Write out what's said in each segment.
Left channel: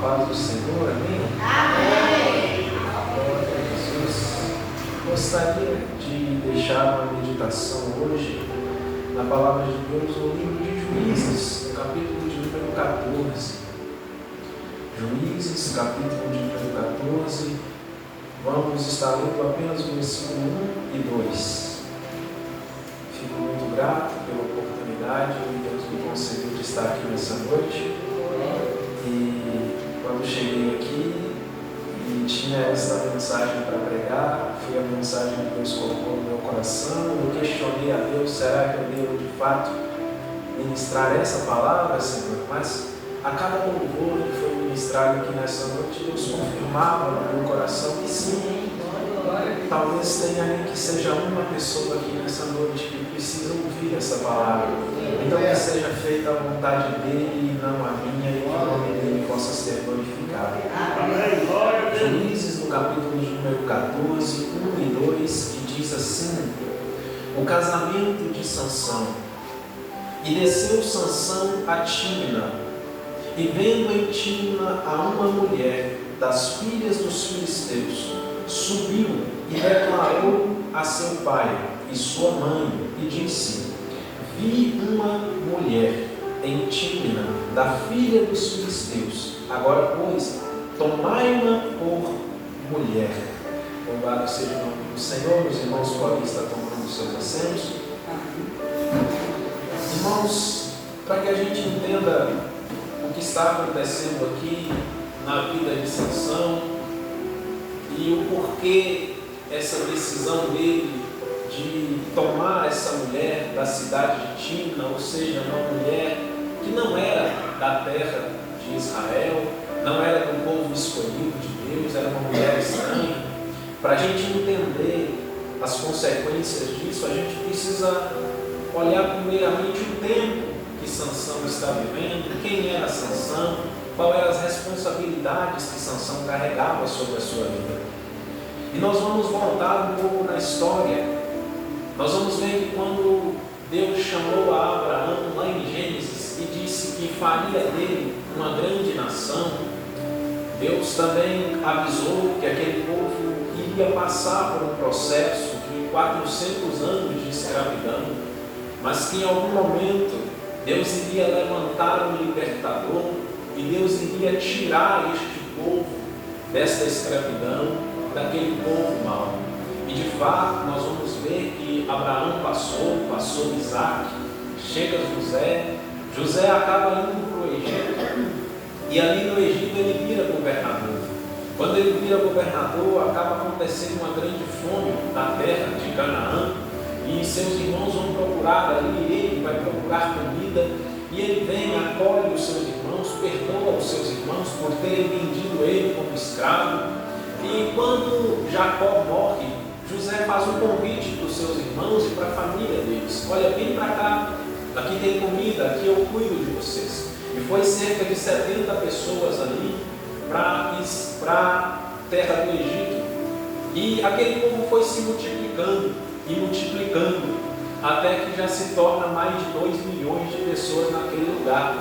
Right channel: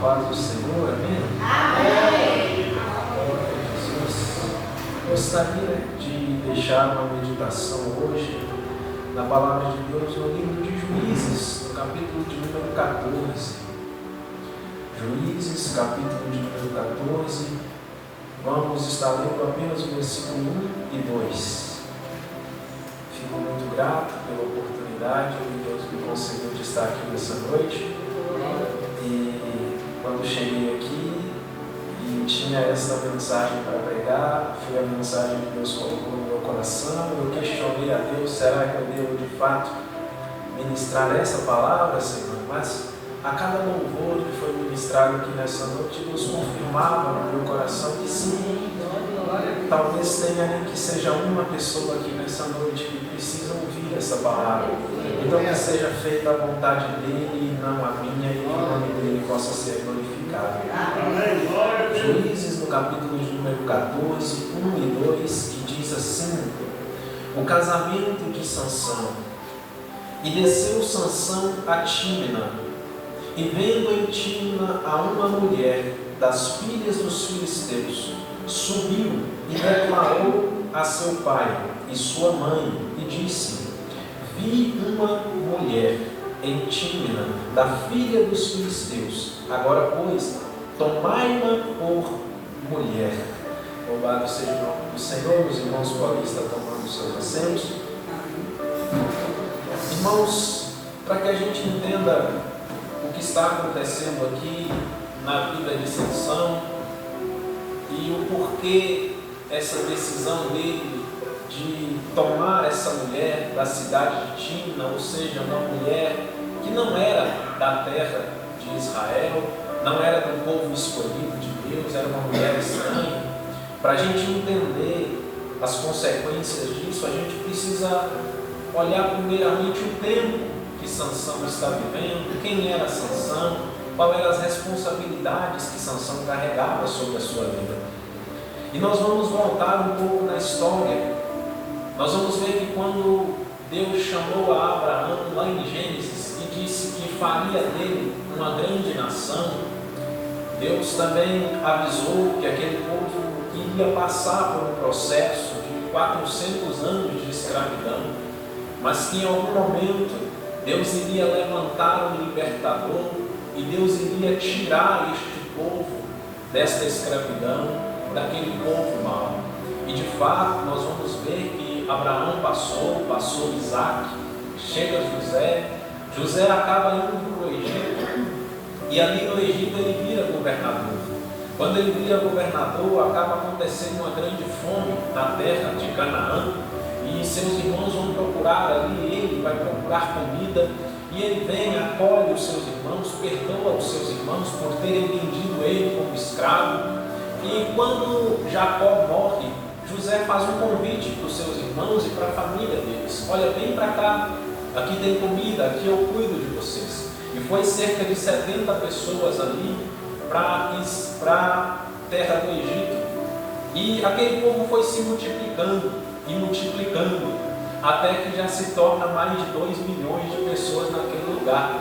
paz do Senhor, amém? Amém. Glória a Jesus. Gostaria de deixar uma meditação hoje na palavra de Deus no livro de Juízes, no capítulo de número 14. Juízes, capítulo de número 14. Vamos estar lendo apenas o versículo 1 e 2. Fico muito grato pela oportunidade que Deus me concedeu de estar aqui nessa noite. E quando cheguei aqui e tinha essa mensagem para pregar, foi a mensagem que Deus colocou no meu coração. Eu questionei a Deus: será que eu devo de fato ministrar essa palavra, Senhor? Mas a cada louvor que foi ministrado aqui nessa noite, Deus confirmava no meu coração que sim. Talvez tenha ali que seja uma pessoa aqui nessa noite que precisa ouvir essa palavra. Então que seja feita a vontade dele e não a minha, e que o nome dele possa ser glorificado. Juízes, no capítulo de número 14, 1 e 2, que diz assim: o casamento de Sansão. E desceu Sansão a Tímina, e vendo em Tímina a uma mulher das filhas dos filisteus, subiu e declarou a seu pai e sua mãe, e disse: vi uma mulher em Tímina, da filha dos filisteus, agora pois, tomai-ma por mulher. Louvado seja o nome do Senhor. Os irmãos podem estar tomando seus assentos. Irmãos, para que a gente entenda o que está acontecendo aqui na vida de Sansão e o porquê essa decisão dele de tomar essa mulher da cidade de Tímina, ou seja, uma mulher que não era da terra de Israel, não era do povo escolhido de Deus, era uma mulher estranha. Para a gente entender as consequências disso, a gente precisa olhar primeiramente o tempo que Sansão está vivendo, quem era Sansão, quais eram as responsabilidades que Sansão carregava sobre a sua vida. E nós vamos voltar um pouco na história. Nós vamos ver que quando Deus chamou a Abraão lá em Gênesis e disse que faria dele uma grande nação, Deus também avisou que aquele povo iria passar por um processo de 400 anos de escravidão, mas que em algum momento Deus iria levantar um libertador e Deus iria tirar este povo desta escravidão, daquele povo mau. E de fato nós vamos ver que Abraão passou Isaac, chega José acaba indo para o Egito, e ali no Egito ele vira governador. Quando ele vira governador, acaba acontecendo uma grande fome na terra de Canaã, e seus irmãos vão procurar ali, ele vai procurar comida, e ele vem, acolhe os seus irmãos, perdoa os seus irmãos por terem vendido ele como escravo. E quando Jacó morre, José faz um convite para os seus irmãos e para a família deles: olha, vem para cá, aqui tem comida, aqui eu cuido de vocês. E foi cerca de 70 pessoas ali para a terra do Egito. E aquele povo foi se multiplicando e multiplicando, até que já se torna mais de 2 milhões de pessoas naquele lugar.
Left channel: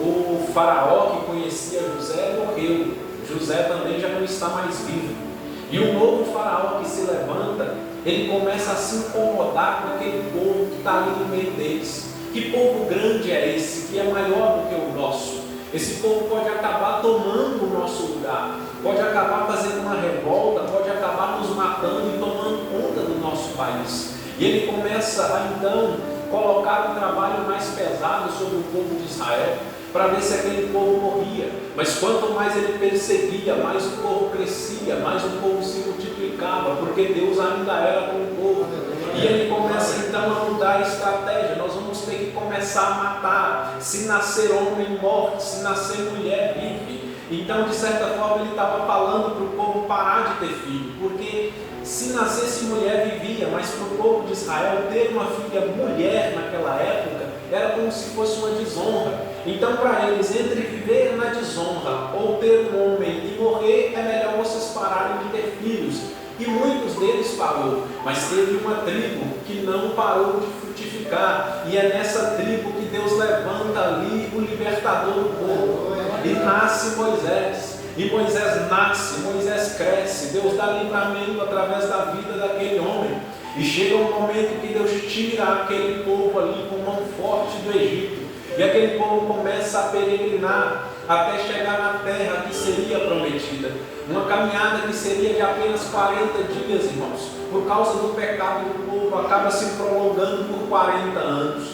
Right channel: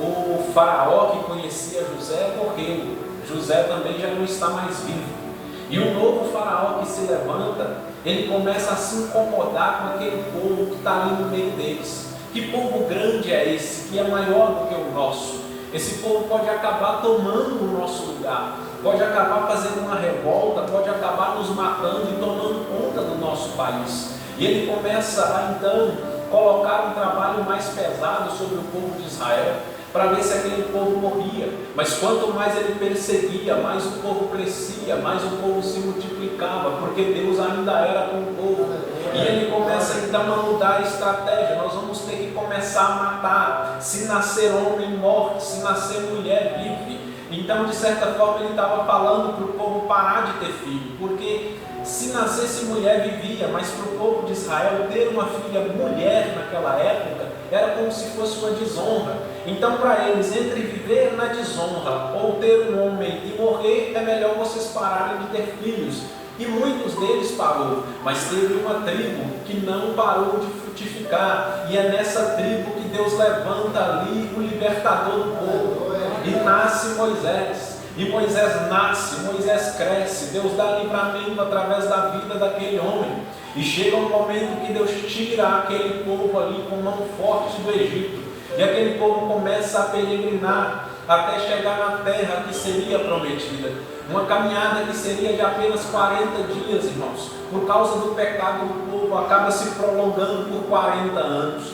O faraó que conhecia José morreu. José também já não está mais vivo. E o novo faraó que se levanta, ele começa a se incomodar com aquele povo que está ali no meio deles. Que povo grande é esse, que é maior do que o nosso? Esse povo pode acabar tomando o nosso lugar, pode acabar fazendo uma revolta, pode acabar nos matando e tomando conta do nosso país. E ele começa a então colocar um trabalho mais pesado sobre o povo de Israel, para ver se aquele povo morria. Mas quanto mais ele perseguia, mais o povo crescia, mais o povo se multiplicava, porque Deus ainda era com o povo. E ele começa então a mudar a estratégia. Nós vamos ter que começar a matar. Se nascer homem, morre. Se nascer mulher, vive. Então, de certa forma, ele estava falando para o povo parar de ter filho, porque se nascesse mulher, vivia, mas para o povo de Israel ter uma filha mulher naquela época era como se fosse uma desonra. Então, para eles, entre viver na desonra ou ter um homem e morrer, é melhor vocês pararem de ter filhos. E muitos deles parou, mas teve uma tribo que não parou de frutificar, e é nessa tribo que Deus levanta ali o libertador do povo. E nasce Moisés. E Moisés nasce, Moisés cresce, Deus dá livramento através da vida daquele homem. E chega um momento que Deus tira aquele povo ali com mão forte do Egito. E aquele povo começa a peregrinar até chegar na terra que seria prometida. Uma caminhada que seria de apenas 40 dias, irmãos. Por causa do pecado do povo, acaba se prolongando por 40 anos.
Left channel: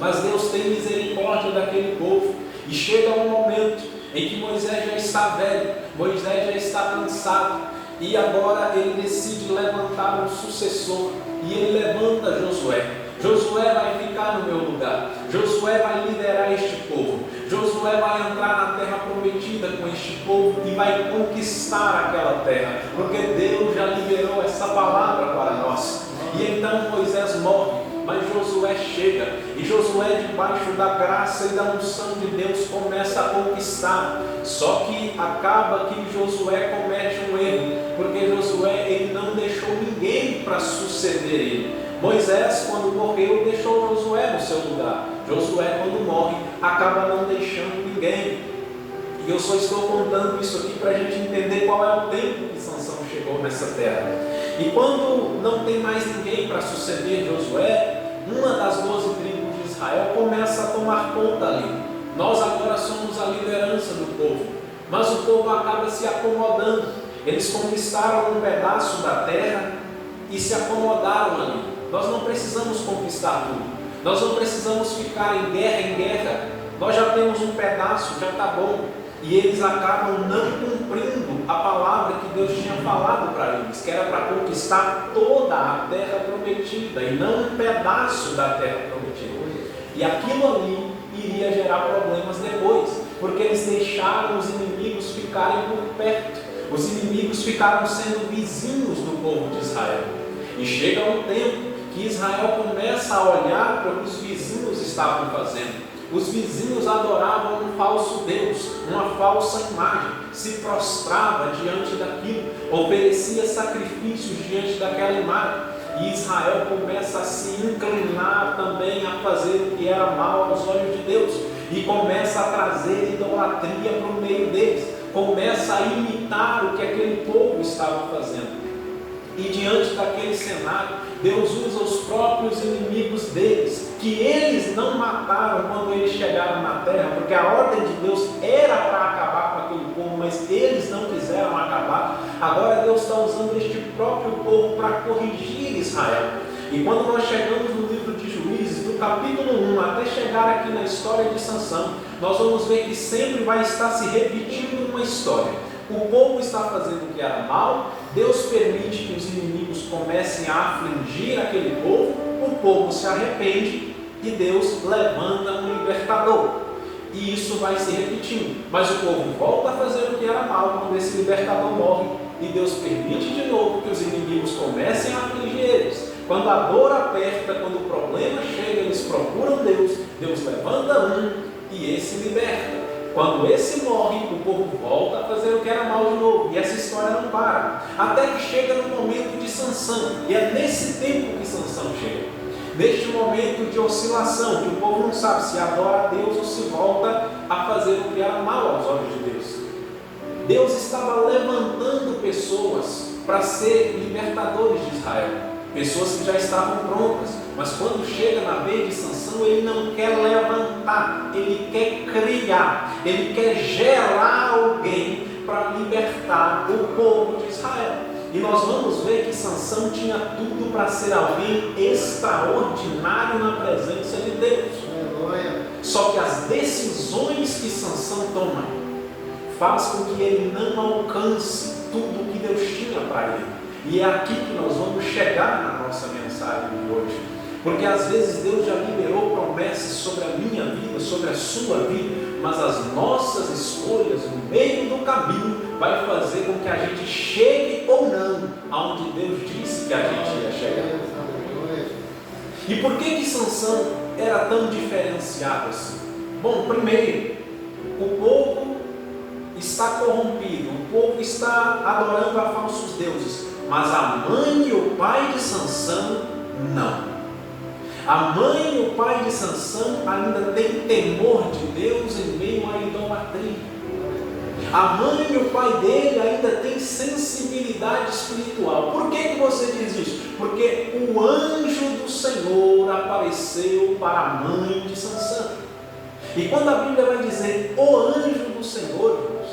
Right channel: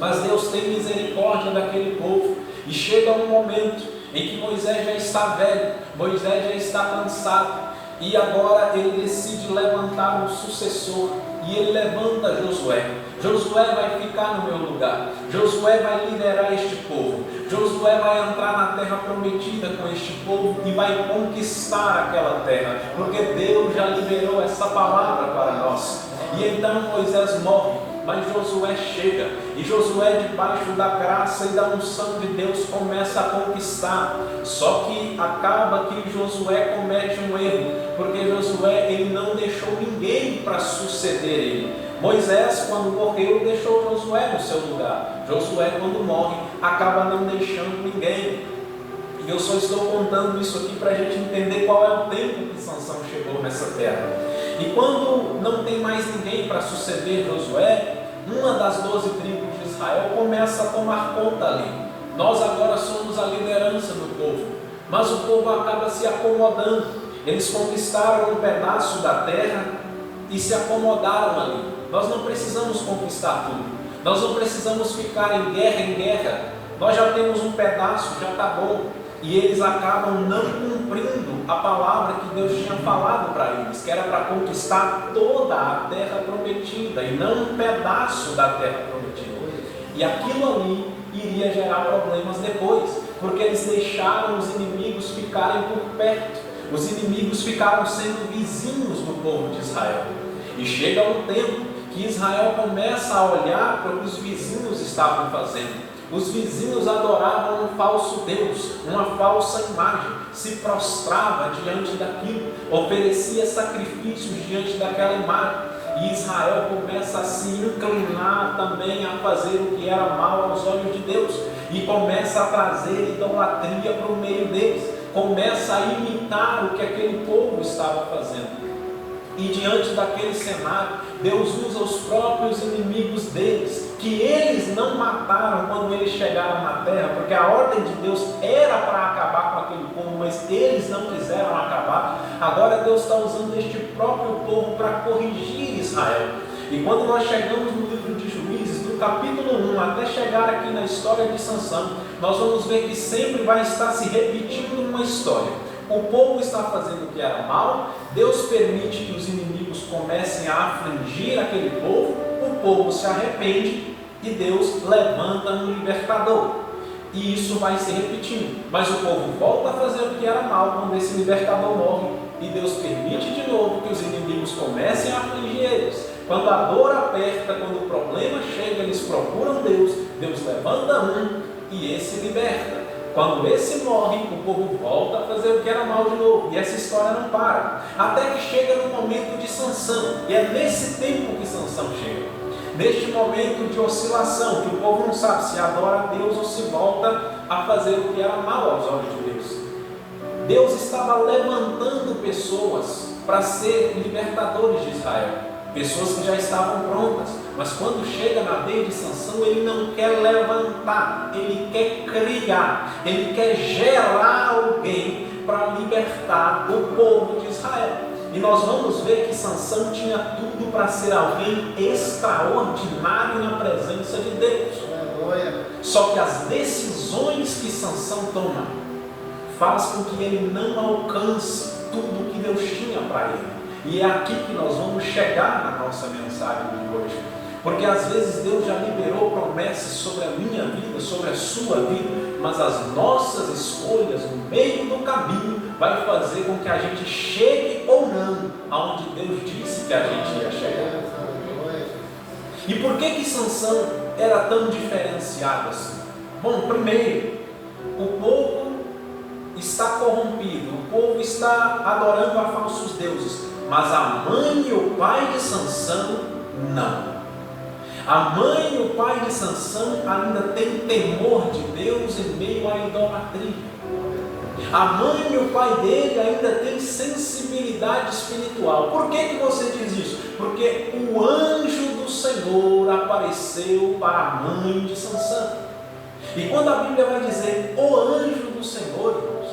Mas Deus tem misericórdia daquele povo. E chega um momento em que Moisés já está velho, Moisés já está cansado. E agora ele decide levantar um sucessor. E ele levanta Josué. Josué vai ficar no meu lugar. Josué vai liderar este povo. Josué vai entrar na terra prometida com este povo e vai conquistar aquela terra, porque Deus já liberou essa palavra para nós. E então Moisés morre, mas Josué chega. E Josué, debaixo da graça e da unção de Deus, começa a conquistar. Só que acaba que Josué comete um erro, porque Josué ele não deixou ninguém para suceder ele. Moisés, quando morreu, deixou Josué no seu lugar. Josué, quando morre, acaba não deixando ninguém. E eu só estou contando isso aqui para a gente entender qual é o tempo que Sansão chegou nessa terra. E quando não tem mais ninguém para suceder Josué, uma das 12 tribos de Israel começa a tomar conta ali. Nós agora somos a liderança do povo, mas o povo acaba se acomodando. Eles conquistaram um pedaço da terra e se acomodaram ali. Nós não precisamos conquistar tudo. Nós não precisamos ficar em guerra. Nós já temos um pedaço, já está bom. E eles acabam não cumprindo a palavra que Deus tinha falado para eles, que era para conquistar toda a terra prometida e não um pedaço da terra prometida. E aquilo ali iria gerar problemas depois, porque eles deixaram os inimigos ficarem por perto. Os inimigos ficaram sendo vizinhos do povo de Israel. E chega um tempo que Israel começa a olhar para o que os vizinhos estavam fazendo. Os vizinhos adoravam um falso Deus, uma falsa imagem, se prostrava diante daquilo, oferecia sacrifícios diante daquela imagem. E Israel começa a se inclinar também a fazer o que era mal aos olhos de Deus, e começa a trazer idolatria para o meio deles, começa a imitar o que aquele povo estava fazendo. E diante daquele cenário, Deus usa os próprios inimigos deles, que eles não mataram quando eles chegaram na terra, porque a ordem de Deus era para acabar com aquele povo, mas eles não quiseram acabar. Agora Deus está usando este próprio povo para corrigir Israel. E quando nós chegamos no livro de Juízes, do capítulo 1 até chegar aqui na história de Sansão, nós vamos ver que sempre vai estar se repetindo uma história. O povo está fazendo o que era mal, Deus permite que os inimigos comecem a afligir aquele povo, o povo se arrepende e Deus levanta um libertador. E isso vai se repetindo, mas o povo volta a fazer o que era mal quando esse libertador morre, e Deus permite de novo que os inimigos comecem a afligir eles. Quando a dor aperta, quando o problema chega, eles procuram Deus, Deus levanta um e esse liberta. Quando esse morre, o povo volta a fazer o que era mal de novo. E essa história não para. Até que chega no momento de Sansão. E é nesse tempo que Sansão chega. Neste momento de oscilação, que o povo não sabe se adora a Deus ou se volta a fazer o que era mal aos olhos de Deus. Deus estava levantando pessoas para ser libertadores de Israel. Pessoas que já estavam prontas, mas quando chega na vez de Sansão, ele não quer levantar, ele quer criar, ele quer gerar alguém para libertar o povo de Israel. E nós vamos ver que Sansão tinha tudo para ser alguém extraordinário na presença de Deus. Só que as decisões que Sansão toma faz com que ele não alcance tudo que Deus tinha para ele. E é aqui que nós vamos chegar na nossa mensagem de hoje. Porque às vezes Deus já liberou promessas sobre a minha vida, sobre a sua vida, mas as nossas escolhas no meio do caminho vai fazer com que a gente chegue ou não aonde Deus disse que a gente ia chegar. E por que Sansão era tão diferenciado assim? Bom, primeiro, o povo está corrompido, o povo está adorando a falsos deuses, mas a mãe e o pai de Sansão não. A mãe e o pai de Sansão ainda têm temor de Deus em meio à idolatria. A mãe e o pai dele ainda têm sensibilidade espiritual. Por que você diz isso? Porque o anjo do Senhor apareceu para a mãe de Sansão. E quando a Bíblia vai dizer o anjo do Senhor, irmãos,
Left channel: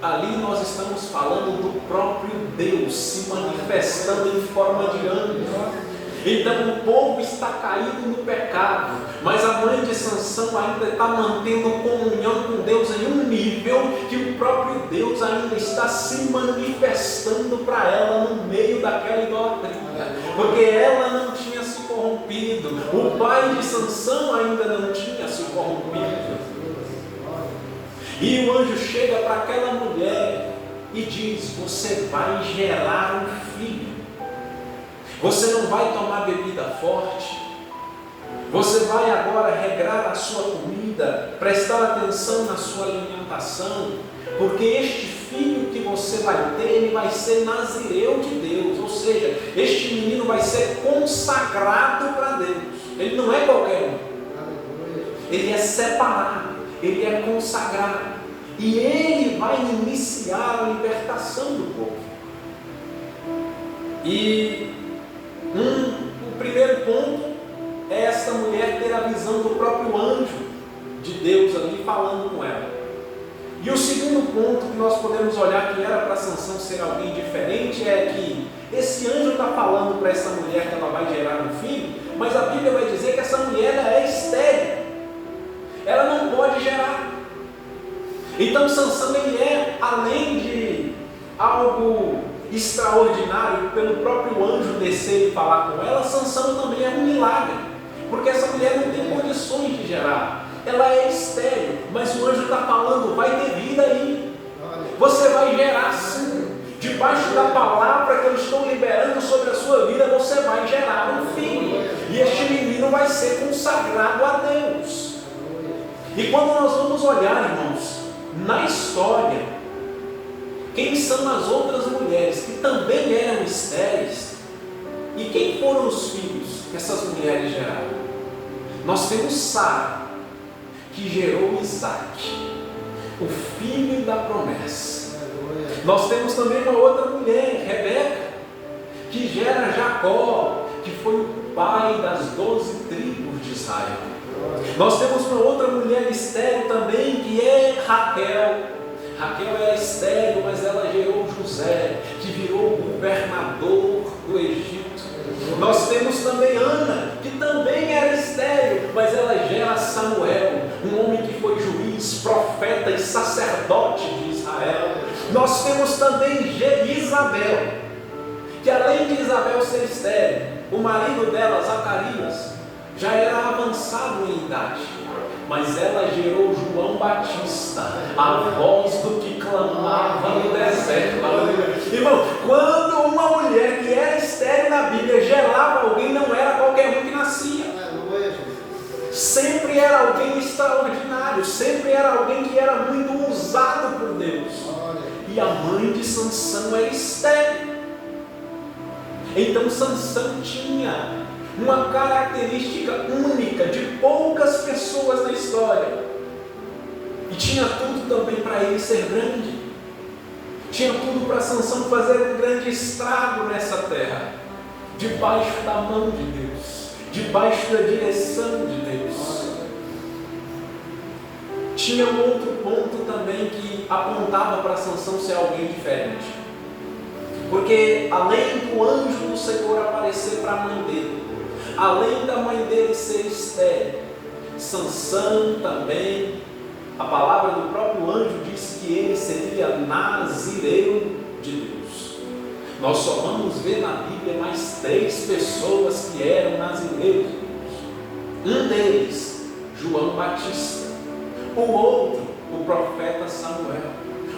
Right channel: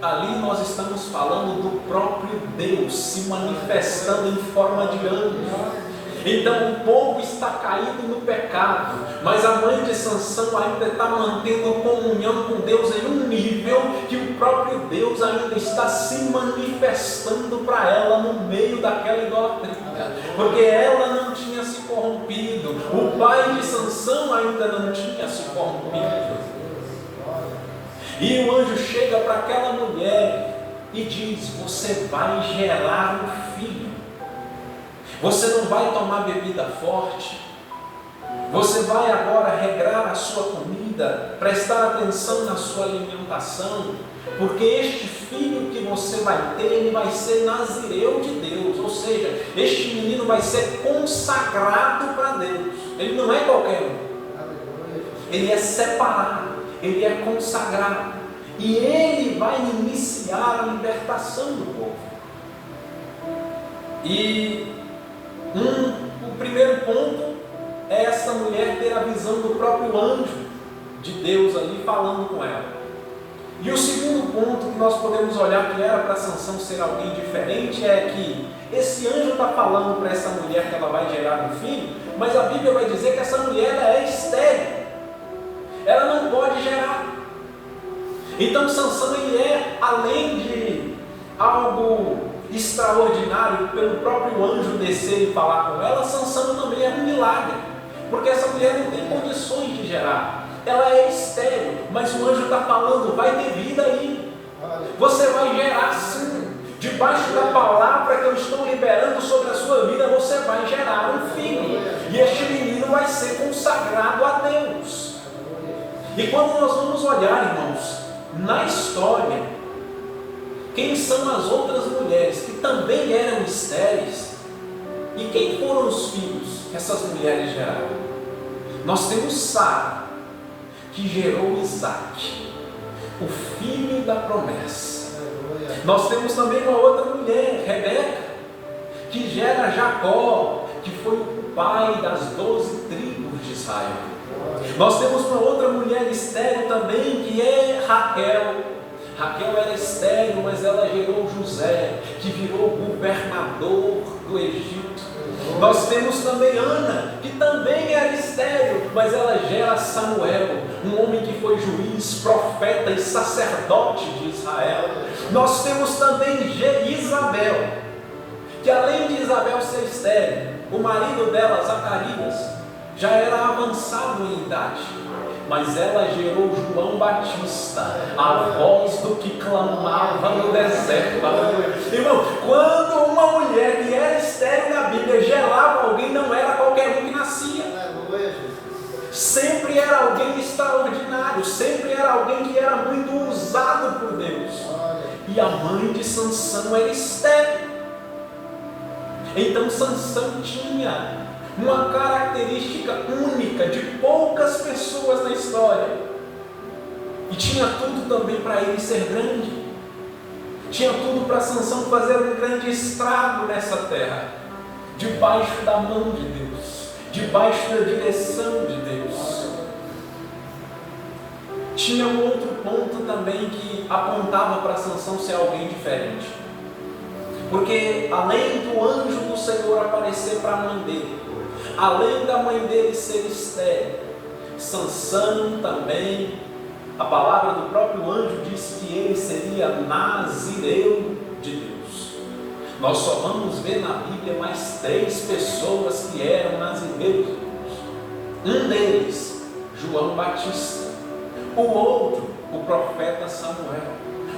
ali nós estamos falando do próprio Deus se manifestando em forma de anjo. Então o povo está caído no pecado, mas a mãe de Sansão ainda está mantendo comunhão com Deus em um nível que o próprio Deus ainda está se manifestando para ela no meio daquela idolatria, porque ela não tinha se corrompido, o pai de Sansão ainda não tinha se corrompido. E o anjo chega para aquela mulher e diz: você vai gerar um filho. Você não vai tomar bebida forte. Você vai agora regrar a sua comida, prestar atenção na sua alimentação, porque este filho que você vai ter, ele vai ser nazireu de Deus, ou seja, este menino vai ser consagrado para Deus. Ele não é qualquer um. Ele é separado, ele é consagrado. E ele vai iniciar a libertação do povo. E o primeiro ponto é essa mulher ter a visão do próprio anjo de Deus ali falando com ela. E o segundo ponto que nós podemos olhar que era para Sansão ser alguém diferente é que esse anjo está falando para essa mulher que ela vai gerar um filho, mas a Bíblia vai dizer que essa mulher ela é estéril, ela não pode gerar. Então Sansão ele é, além de algo extraordinário, pelo próprio anjo descer e falar com ela, Sansão também é um milagre, porque essa mulher não tem condições de gerar, ela é estéril, mas o anjo está falando: vai ter vida aí, você vai gerar sim, debaixo da palavra que eu estou liberando sobre a sua vida, você vai gerar um filho, e este menino vai ser consagrado a Deus. E quando nós vamos olhar, irmãos, na história, quem são as outras mulheres que também eram estéreis? E quem foram os filhos que essas mulheres geraram? Nós temos Sara, que gerou Isaac, o filho da promessa. Nós temos também uma outra mulher, Rebeca, que gera Jacó, que foi o pai das 12 tribos de Israel. Nós temos uma outra mulher estéril também, que é Raquel. Raquel era estéril, mas ela gerou José, que virou governador do Egito. Nós temos também Ana, que também era estéril, mas ela gera Samuel, um homem que foi juiz, profeta e sacerdote de Israel. Nós temos também Isabel, que além de Isabel ser estéril, o marido dela, Zacarias, já era avançado em idade, mas ela gerou João Batista, a voz do que clamava no deserto. Irmão, quando uma mulher que era estéril na Bíblia gerava alguém, não era qualquer um que nascia. Sempre era alguém extraordinário, sempre era alguém que era muito usado por Deus. E a mãe de Sansão era estéril. Então Sansão tinha uma característica única de poucas pessoas na história, e tinha tudo também para ele ser grande, tinha tudo para Sansão fazer um grande estrago nessa terra, debaixo da mão de Deus, debaixo da direção de Deus. Tinha um outro ponto também que apontava para Sansão ser alguém diferente, porque além do anjo do Senhor aparecer para a mãe dele, além da mãe dele ser estéril, Sansão também, a palavra do próprio anjo disse que ele seria nazireu de Deus. Nós só vamos ver na Bíblia mais 3 pessoas que eram nazireus de Deus. Um deles, João Batista. O outro, o profeta Samuel.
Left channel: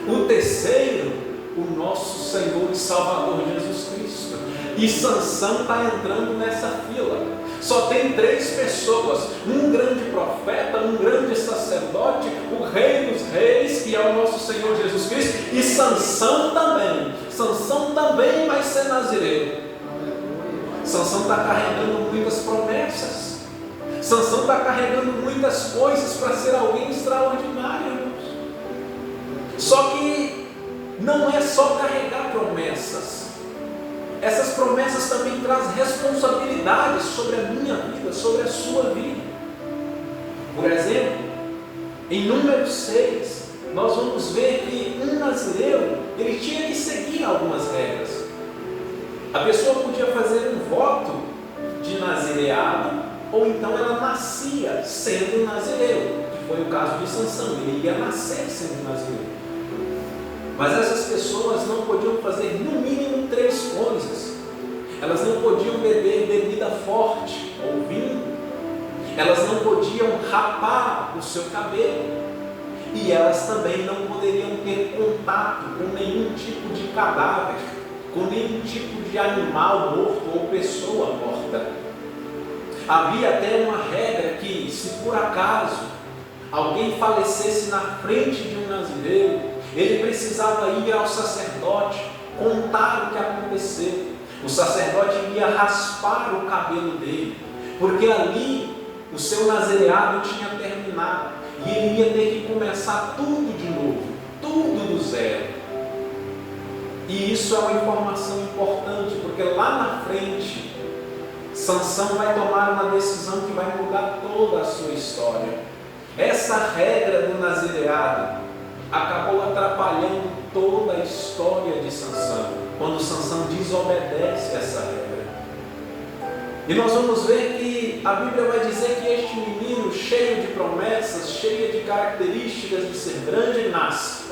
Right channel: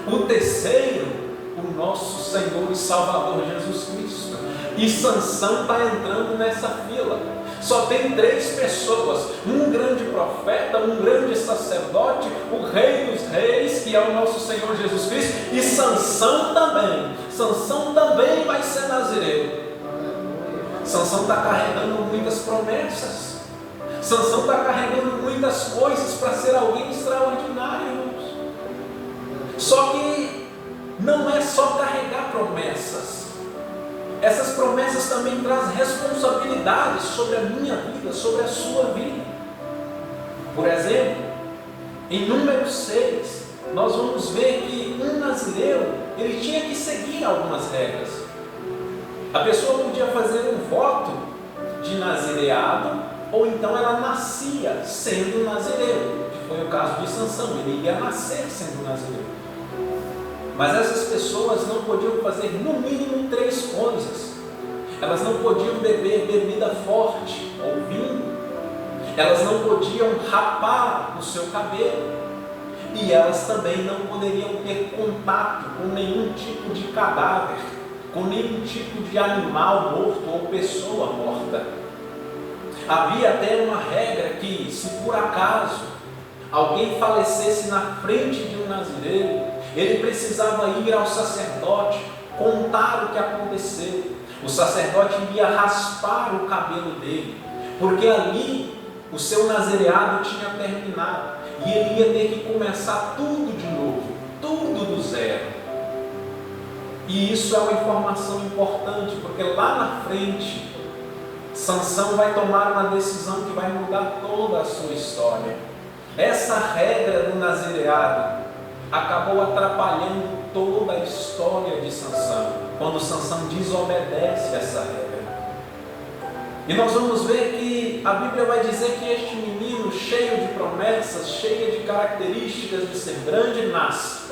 O terceiro, o nosso Senhor e Salvador Jesus Cristo. E Sansão está entrando nessa fila. Só tem 3 pessoas: um grande profeta, um grande sacerdote, o Rei dos Reis, que é o nosso Senhor Jesus Cristo, e Sansão também. Sansão também vai ser nazireu. Sansão está carregando muitas promessas. Sansão está carregando muitas coisas para ser alguém extraordinário, irmãos. Só que não é só carregar promessas. Essas promessas também trazem responsabilidades sobre a minha vida, sobre a sua vida. Por exemplo, em Números 6, nós vamos ver que um nazireu, ele tinha que seguir algumas regras. A pessoa podia fazer um voto de nazireado, ou então ela nascia sendo nazireu, que foi o caso de Sansão, ele ia nascer sendo nazireu. Mas essas pessoas não podiam fazer no mínimo 3 coisas. Elas não podiam beber bebida forte ou vinho, elas não podiam rapar o seu cabelo, e elas também não poderiam ter contato com nenhum tipo de cadáver, com nenhum tipo de animal morto ou pessoa morta. Havia até uma regra que, se por acaso alguém falecesse na frente de um nazireiro, ele precisava ir ao sacerdote, contar o que aconteceu. O sacerdote ia raspar o cabelo dele, porque ali o seu nazireado tinha terminado, e ele ia ter que começar tudo de novo, tudo do zero. E isso é uma informação importante, porque lá na frente, Sansão vai tomar uma decisão que vai mudar toda a sua história. Essa regra do nazireado acabou atrapalhando toda a história de Sansão, quando Sansão desobedece essa regra. E nós vamos ver que a Bíblia vai dizer que este menino, cheio de promessas, cheio de características de ser grande, nasce.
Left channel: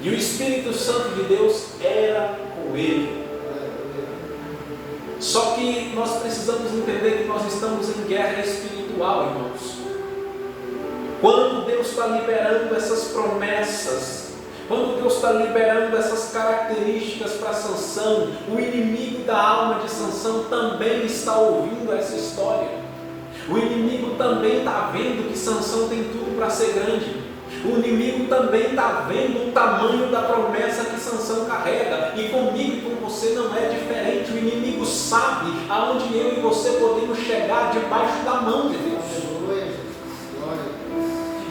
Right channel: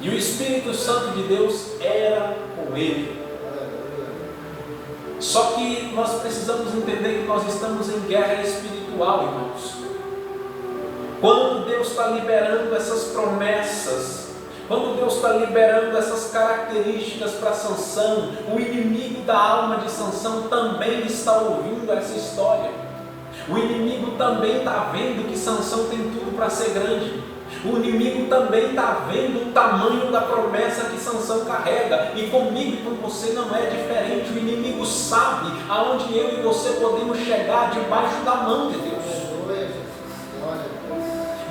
E o Espírito Santo de Deus era com ele. Só que nós precisamos entender que nós estamos em guerra espiritual, irmãos. Quando Deus está liberando essas promessas, quando Deus está liberando essas características para Sansão, o inimigo da alma de Sansão também está ouvindo essa história. O inimigo também está vendo que Sansão tem tudo para ser grande. O inimigo também está vendo o tamanho da promessa que Sansão carrega. E comigo e com você não é diferente. O inimigo sabe aonde eu e você podemos chegar debaixo da mão de Deus.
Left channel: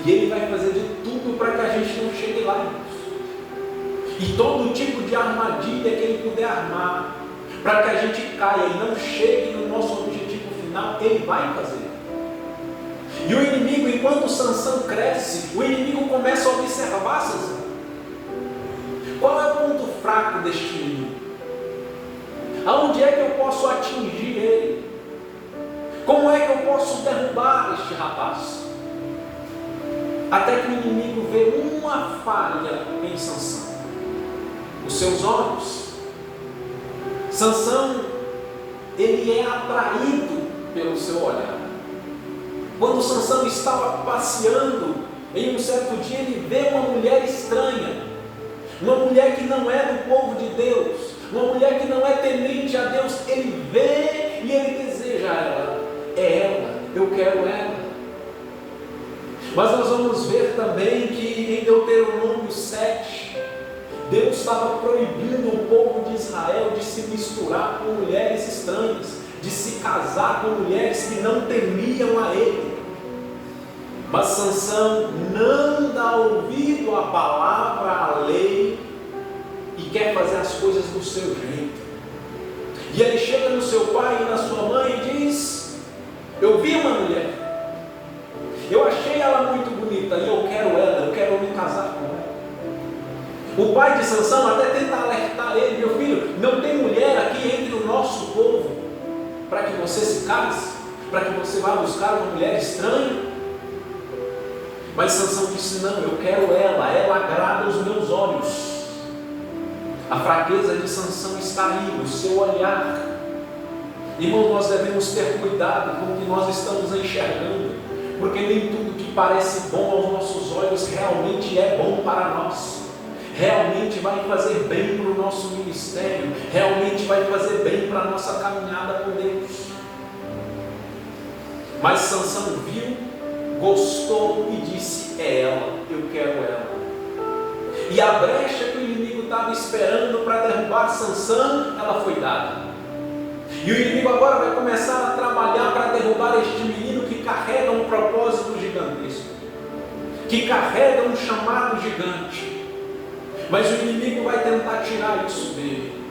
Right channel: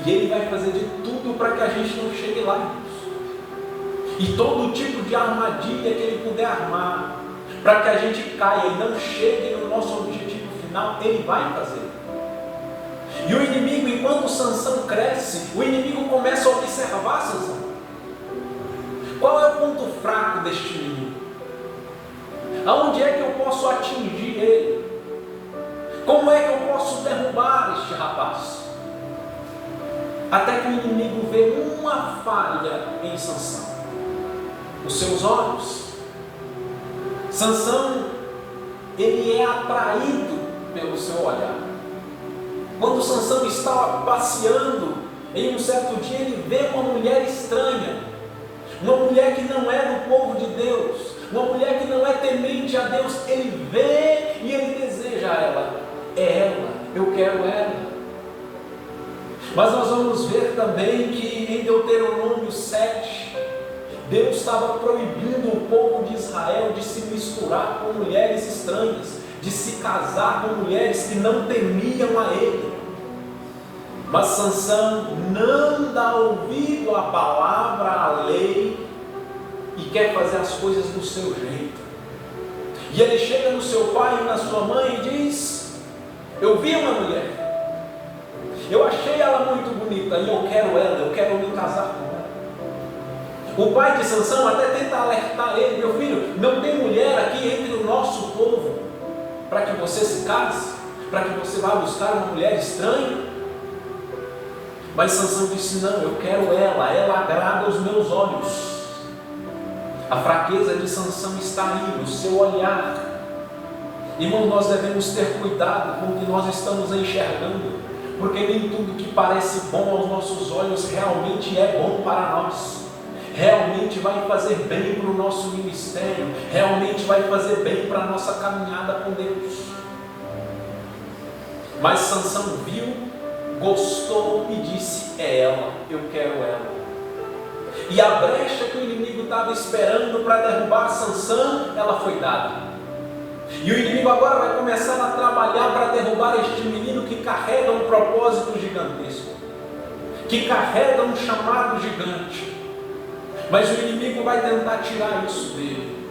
E ele vai fazer de tudo para que a gente não chegue lá, irmãos. E todo tipo de armadilha que ele puder armar, para que a gente caia e não chegue no nosso objetivo final, ele vai fazer. E o inimigo, enquanto Sansão cresce, o inimigo começa a observar Sansão. Qual é o ponto fraco deste menino? Aonde é que eu posso atingir ele? Como é que eu posso derrubar este rapaz? Até que o inimigo vê uma falha em Sansão: os seus olhos. Sansão, ele é atraído pelo seu olhar. Quando Sansão estava passeando, em um certo dia ele vê uma mulher estranha, uma mulher que não é do povo de Deus, uma mulher que não é temente a Deus. Ele vê e ele deseja ela. É ela, eu quero ela. Mas nós vamos ver também que em Deuteronômio 7, Deus estava proibindo o povo de Israel de se misturar com mulheres estranhas, de se casar com mulheres que não temiam a ele. Mas Sansão não dá ouvido à palavra, à lei, e quer fazer as coisas do seu jeito. E ele chega no seu pai e na sua mãe e diz: eu vi uma mulher, eu achei ela muito bonita e eu quero me casar com ela. O pai de Sansão até tenta alertar ele: meu filho, não tem mulher aqui entre o nosso povo para que você se case, para que você vá buscar uma mulher estranha. Mas Sansão disse: não, eu quero ela agrada aos meus olhos. A fraqueza de Sansão está aí, no seu olhar. Irmão, nós devemos ter cuidado com o que nós estamos enxergando, porque nem tudo que parece bom aos nossos olhos realmente é bom para nós, realmente vai fazer bem para o nosso ministério, realmente vai fazer bem para a nossa caminhada com Deus. Mas Sansão viu, gostou e disse: é ela, eu quero ela. E a brecha que o inimigo estava esperando para derrubar Sansão, ela foi dada. E o inimigo agora vai começar a trabalhar para derrubar este menino carrega um propósito gigantesco, que carrega um chamado gigante, mas o inimigo vai tentar tirar isso dele,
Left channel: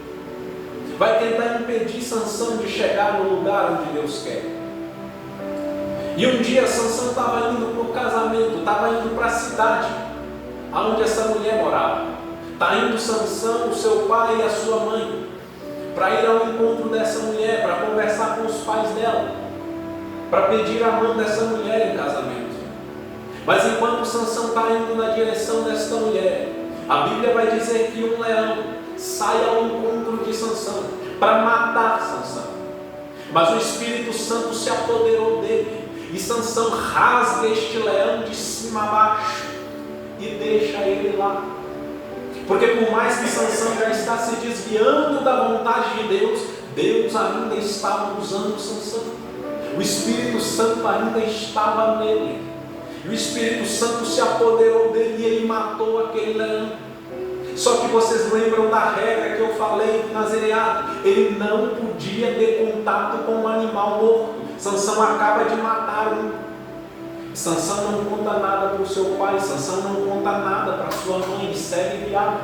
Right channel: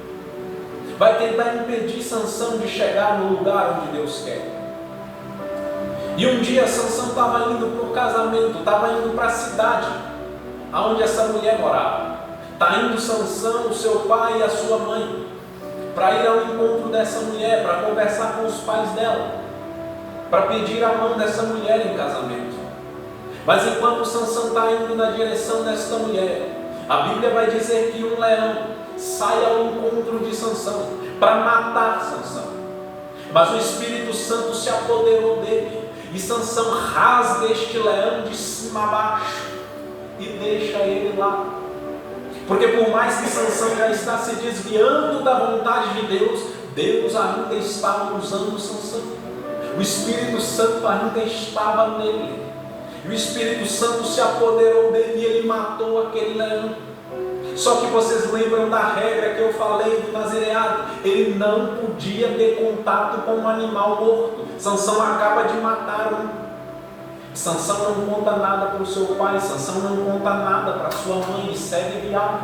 vai tentar impedir Sansão de chegar no lugar onde Deus quer. E um dia Sansão estava indo para o casamento, estava indo para a cidade onde essa mulher morava. Está indo Sansão, o seu pai e a sua mãe, para ir ao encontro dessa mulher, para conversar com os pais dela, para pedir a mão dessa mulher em casamento. Mas enquanto Sansão está indo na direção desta mulher, a Bíblia vai dizer que um leão sai ao encontro de Sansão para matar Sansão. Mas o Espírito Santo se apoderou dele, e Sansão rasga este leão de cima a baixo e deixa ele lá. Porque por mais que Sansão já está se desviando da vontade de Deus, Deus ainda estava usando Sansão. O Espírito Santo ainda estava nele. E o Espírito Santo se apoderou dele e ele matou aquele leão. Só que vocês lembram da regra que eu falei do nazireado? Ele não podia ter contato com um animal morto. Sansão acaba de matar um. Sansão não conta nada para o seu pai, Sansão não conta nada para sua mãe e segue viagem.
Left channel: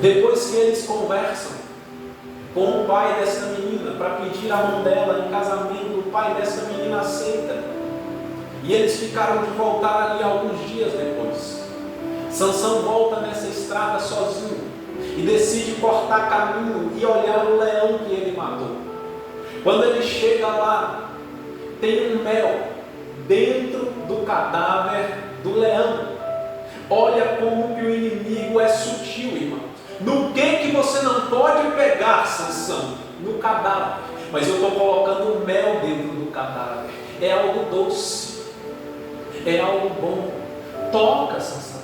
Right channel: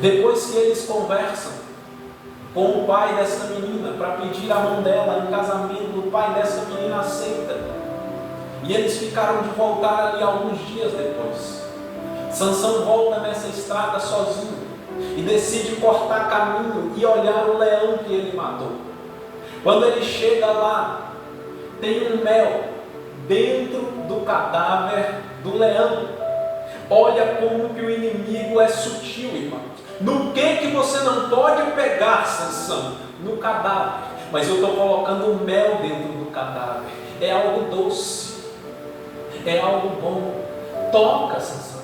Depois que eles conversam com o pai dessa menina para pedir a mão dela em casamento, o pai dessa menina aceita. E eles ficaram de voltar ali alguns dias depois. Sansão volta nessa estrada sozinho e decide cortar caminho e olhar o leão que ele matou. Quando ele chega lá, tem um mel dentro do cadáver do leão. Olha como que o inimigo é sutil, irmãos. No que você não pode pegar, Sansão? No cadáver. Mas eu estou colocando mel dentro do cadáver. É algo doce, é algo bom. Toca, Sansão.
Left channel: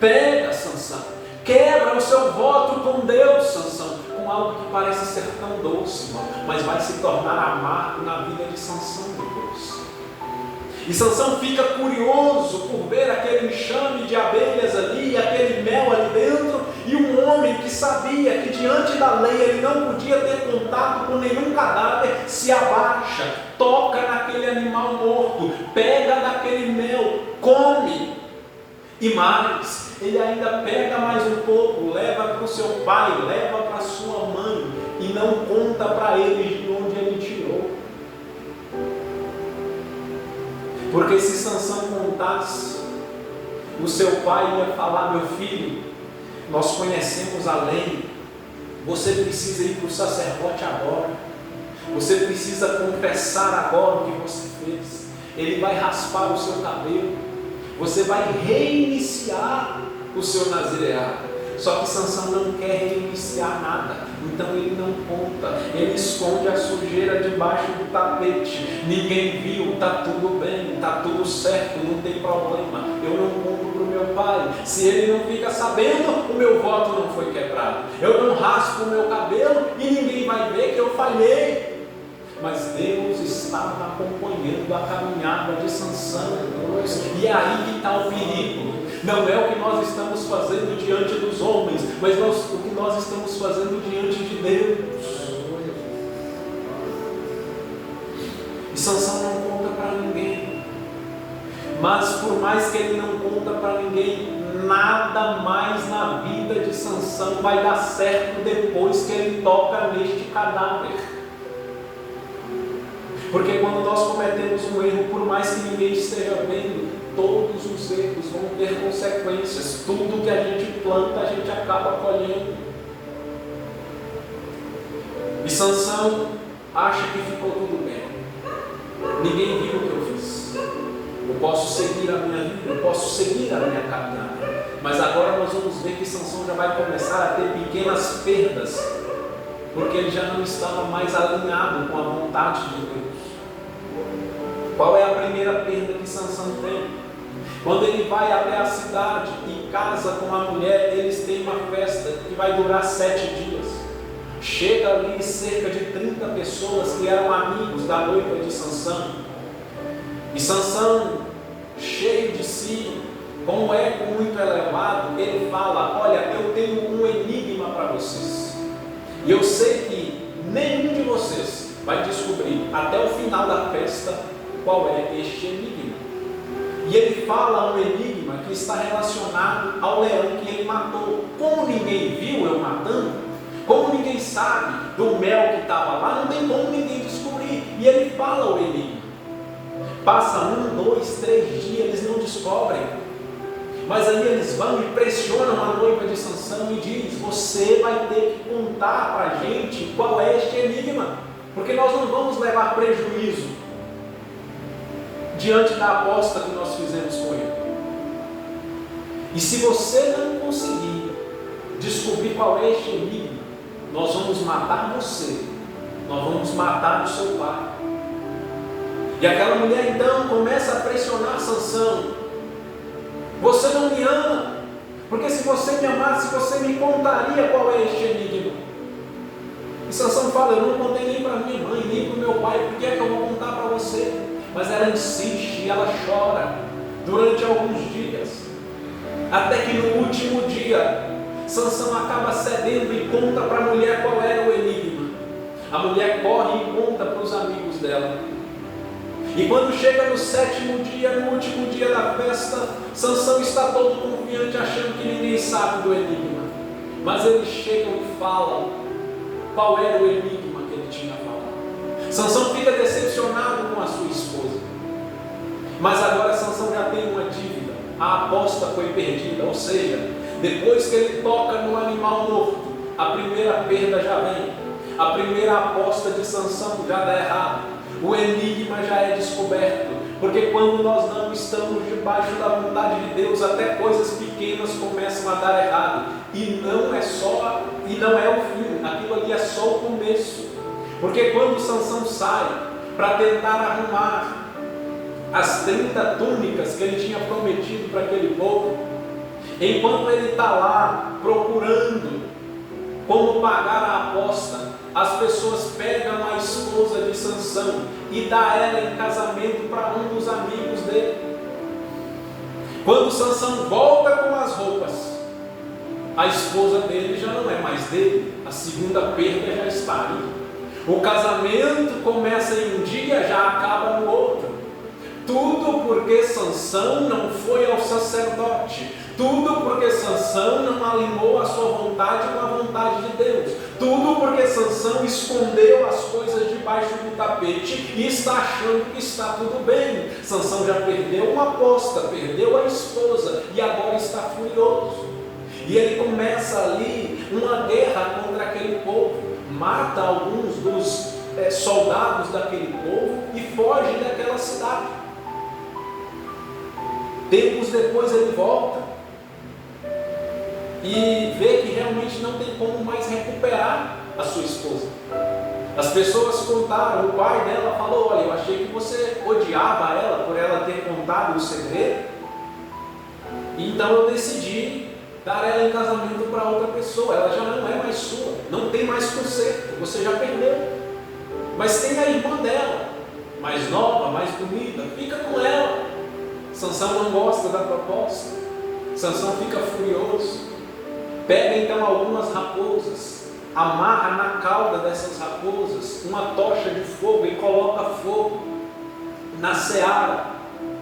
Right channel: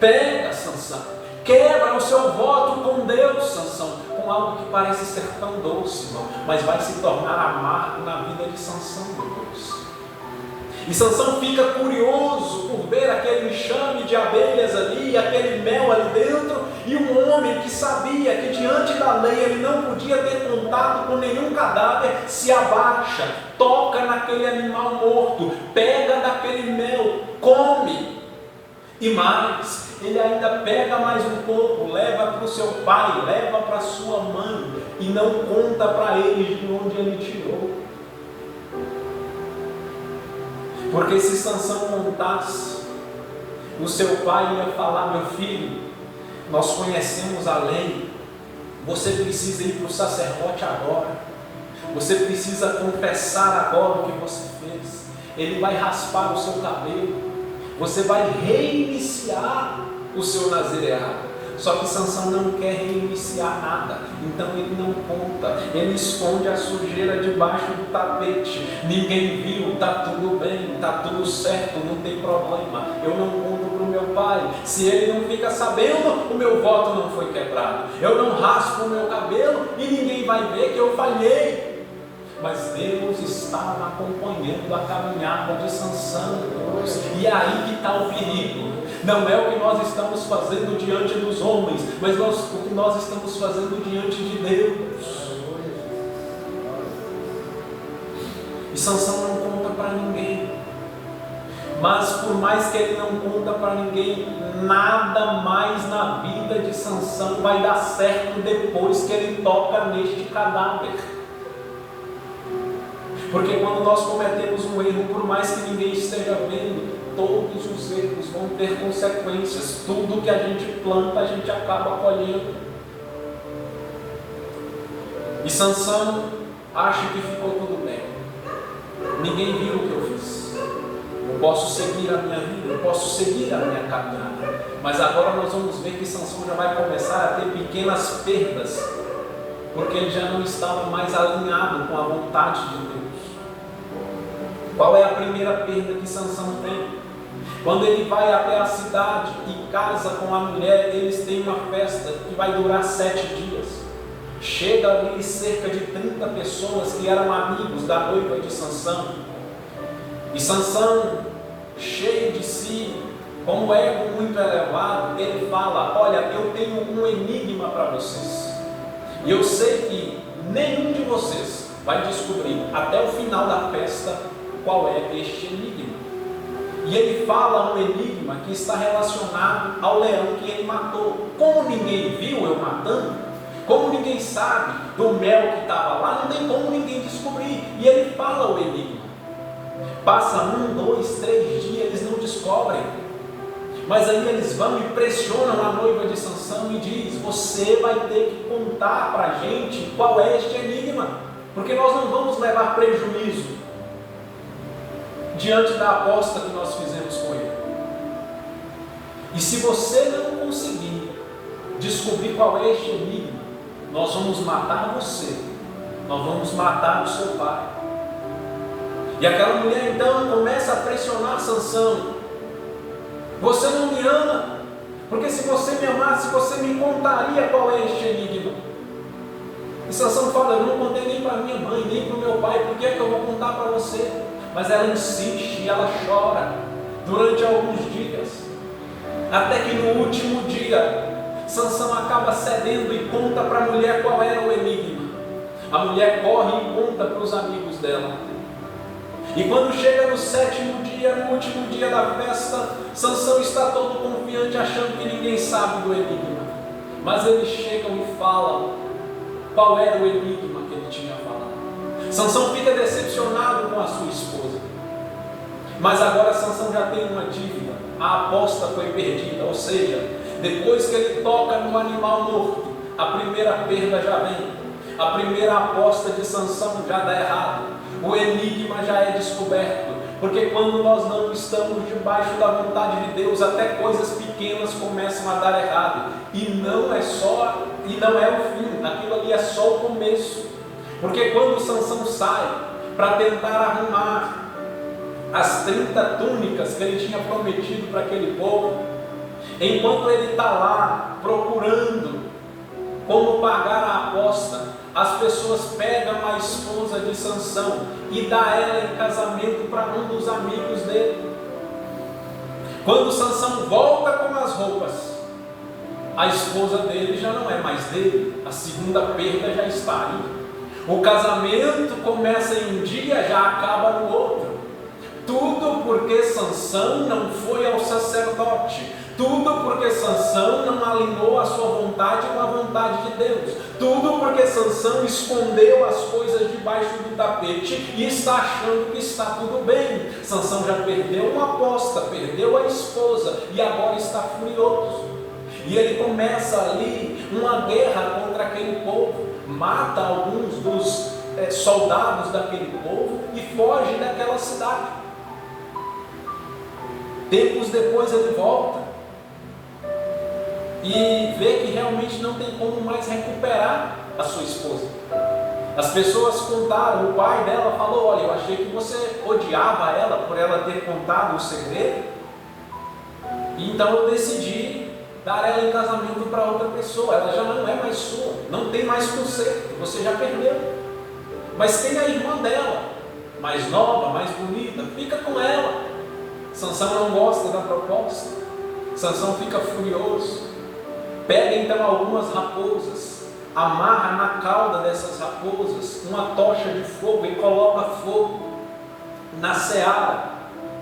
Pega, Sansão. Quebra o seu voto com Deus, Sansão, com algo que parece ser tão doce, irmão, mas vai se tornar amargo na vida de Sansão depois. E Sansão fica curioso por ver aquele enxame de abelhas ali, aquele mel ali dentro, e um homem que sabia que diante da lei ele não podia ter contato com nenhum cadáver, se abaixa, toca naquele animal morto, pega daquele mel, come. E mais, ele ainda pega mais um pouco, leva para o seu pai, leva para a sua mãe, e não conta para eles de onde ele tirou. Porque se Sansão contasse, o seu pai ia falar: meu filho, nós conhecemos a lei, você precisa ir para o sacerdote agora, você precisa confessar agora o que você fez. Ele vai raspar o seu cabelo, você vai reiniciar o seu nazireado. Só que Sansão não quer reiniciar nada, então ele não conta, ele esconde a sujeira debaixo do tapete. Ninguém viu, está tudo bem, está tudo certo, não tem problema. Eu não conto para o meu pai, se ele não fica sabendo, o meu voto não foi quebrado. Eu não raspo o meu cabelo e ninguém vai ver que eu falhei. Mas Deus estava acompanhando a caminhada de Sansão, e é aí que está o perigo. Não é o que nós estamos fazendo diante dos homens, mas o que nós estamos fazendo diante de Deus. E Sansão não conta para ninguém, mas por mais que ele não conta para ninguém, nada mais na vida de Sansão vai dar certo depois que ele toca neste cadáver. Porque quando nós cometemos um erro, por mais que ninguém esteja vendo, todos os erros vão ter consequências. Tudo que a gente planta, a gente acaba colhendo. E Sansão acha que ficou tudo bem. Ninguém viu o que eu fiz. Eu posso seguir a minha vida, eu posso seguir a minha caminhada. Mas agora nós vamos ver que Sansão já vai começar a ter pequenas perdas, porque ele já não estava mais alinhado com a vontade de Deus. Qual é a primeira perda que Sansão tem? Quando ele vai até a cidade e casa com a mulher, eles têm uma festa que vai durar 7 dias. Chega ali cerca de 30 pessoas que eram amigos da noiva de Sansão. E Sansão, cheio de si, com um ego muito elevado, ele fala: olha, eu tenho um enigma para vocês. E eu sei que nenhum de vocês vai descobrir até o final da festa qual é este enigma. E ele fala um enigma que está relacionado ao leão que ele matou. Como ninguém viu eu matando, como ninguém sabe do mel que estava lá, não tem como ninguém descobrir. E ele fala o enigma. Passa 1, 2, 3 dias, eles não descobrem. Mas aí eles vão e pressionam a noiva de Sansão e diz: você vai ter que contar para a gente qual é este enigma, porque nós não vamos levar prejuízo diante da aposta que nós fizemos com ele. E se você não conseguir descobrir qual é este enigma, nós vamos matar você, nós vamos matar o seu pai. E aquela mulher então começa a pressionar Sansão: você não me ama, porque se você me amasse, você me contaria qual é este enigma. E Sansão fala: eu não contei nem para minha mãe, nem para o meu pai, por que é que eu vou contar para você? Mas ela insiste e ela chora durante alguns dias, até que no último dia Sansão acaba cedendo e conta para a mulher qual era o enigma. A mulher corre e conta para os amigos dela. E quando chega no 7º dia, no último dia da festa, Sansão está todo confiante, achando que ninguém sabe do enigma. Mas eles chegam e falam qual era o enigma que ele tinha falado. Sansão fica decepcionado com a sua esposa. Mas agora Sansão já tem uma dívida. A aposta foi perdida, ou seja, depois que ele toca no animal morto, a primeira perda já vem. A primeira aposta de Sansão já dá errado. O enigma já é descoberto, porque quando nós não estamos debaixo da vontade de Deus, até coisas pequenas começam a dar errado, e não é o fim, aquilo ali é só o começo. Porque quando Sansão sai para tentar arrumar as 30 túnicas que ele tinha prometido para aquele povo, enquanto ele está lá procurando como pagar a aposta, as pessoas pegam a esposa de Sansão e dá ela em casamento para um dos amigos dele. Quando Sansão volta com as roupas, a esposa dele já não é mais dele, a segunda perda já está aí. O casamento começa em um dia, já acaba no outro. Tudo porque Sansão não foi ao sacerdote. Tudo porque Sansão não alinhou a sua vontade com a vontade de Deus. Tudo porque Sansão escondeu as coisas debaixo do tapete e está achando que está tudo bem. Sansão já perdeu uma aposta, perdeu a esposa e agora está furioso. E ele começa ali uma guerra contra aquele povo. Mata alguns dos soldados daquele povo e foge daquela cidade. Tempos depois ele volta e vê que realmente não tem como mais recuperar a sua esposa. As pessoas contaram, o pai dela falou: olha, eu achei que você odiava ela por ela ter contado o segredo, então eu decidi dar ela em casamento para outra pessoa. Ela já não é mais sua, não tem mais conserto, você já perdeu. Mas tem a irmã dela, mais nova, mais bonita, fica com ela. Sansão não gosta da proposta. Sansão fica furioso. Pega então algumas raposas, amarra na cauda dessas raposas uma tocha de fogo e coloca fogo na seara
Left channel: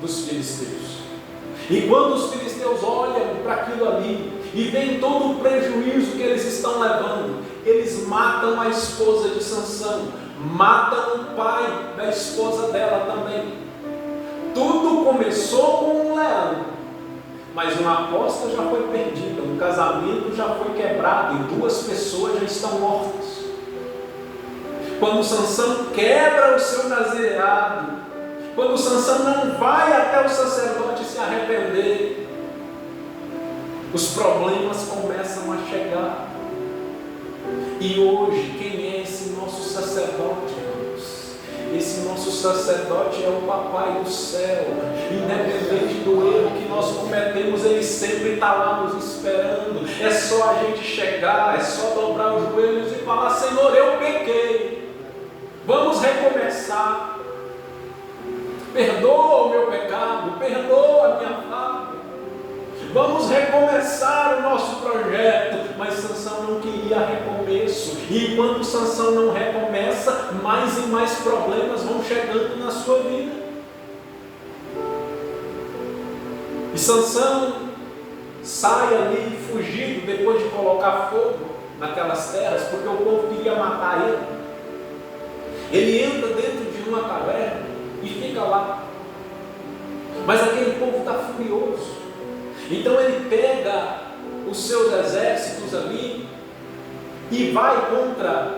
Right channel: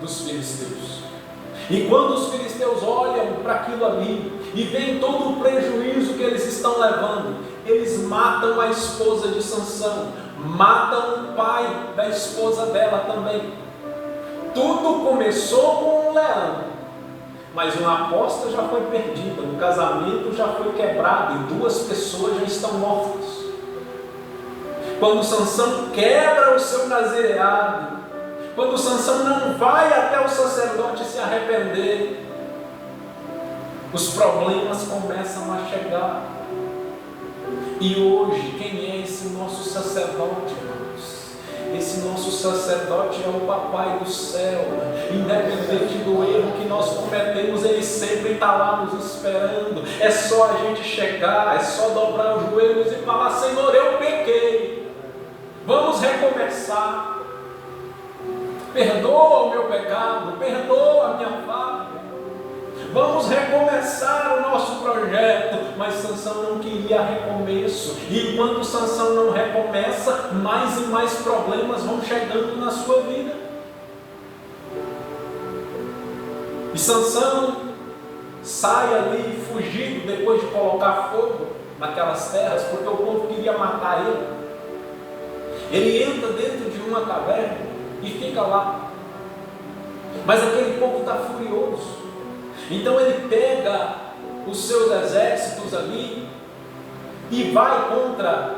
dos filisteus. E quando os filisteus olham para aquilo ali e veem todo o prejuízo que eles estão levando, eles matam a esposa de Sansão, matam o pai da esposa dela também. Tudo começou com um leão, mas uma aposta já foi perdida, um casamento já foi quebrado e 2 pessoas já estão mortas. Quando Sansão quebra o seu nazireado, quando Sansão não vai até o sacerdote se arrepender, os problemas começam a chegar. E hoje, quem é esse nosso sacerdote, irmãos? Esse nosso sacerdote é o Papai do céu. Independente do erro que nós cometemos, Ele sempre está lá nos esperando. É só a gente chegar, é só dobrar os joelhos e falar: Senhor, eu pequei, vamos recomeçar. Perdoa o meu pecado, perdoa a minha falha. Vamos recomeçar o nosso projeto. Mas Sansão não queria recomeço. E enquanto Sansão não recomeça, mais e mais problemas vão chegando na sua vida. E Sansão sai ali fugido depois de colocar fogo naquelas terras, porque o povo queria matar ele. Ele entra dentro de uma caverna e fica lá. Mas aquele povo está furioso. Então ele pega os seus exércitos ali e vai contra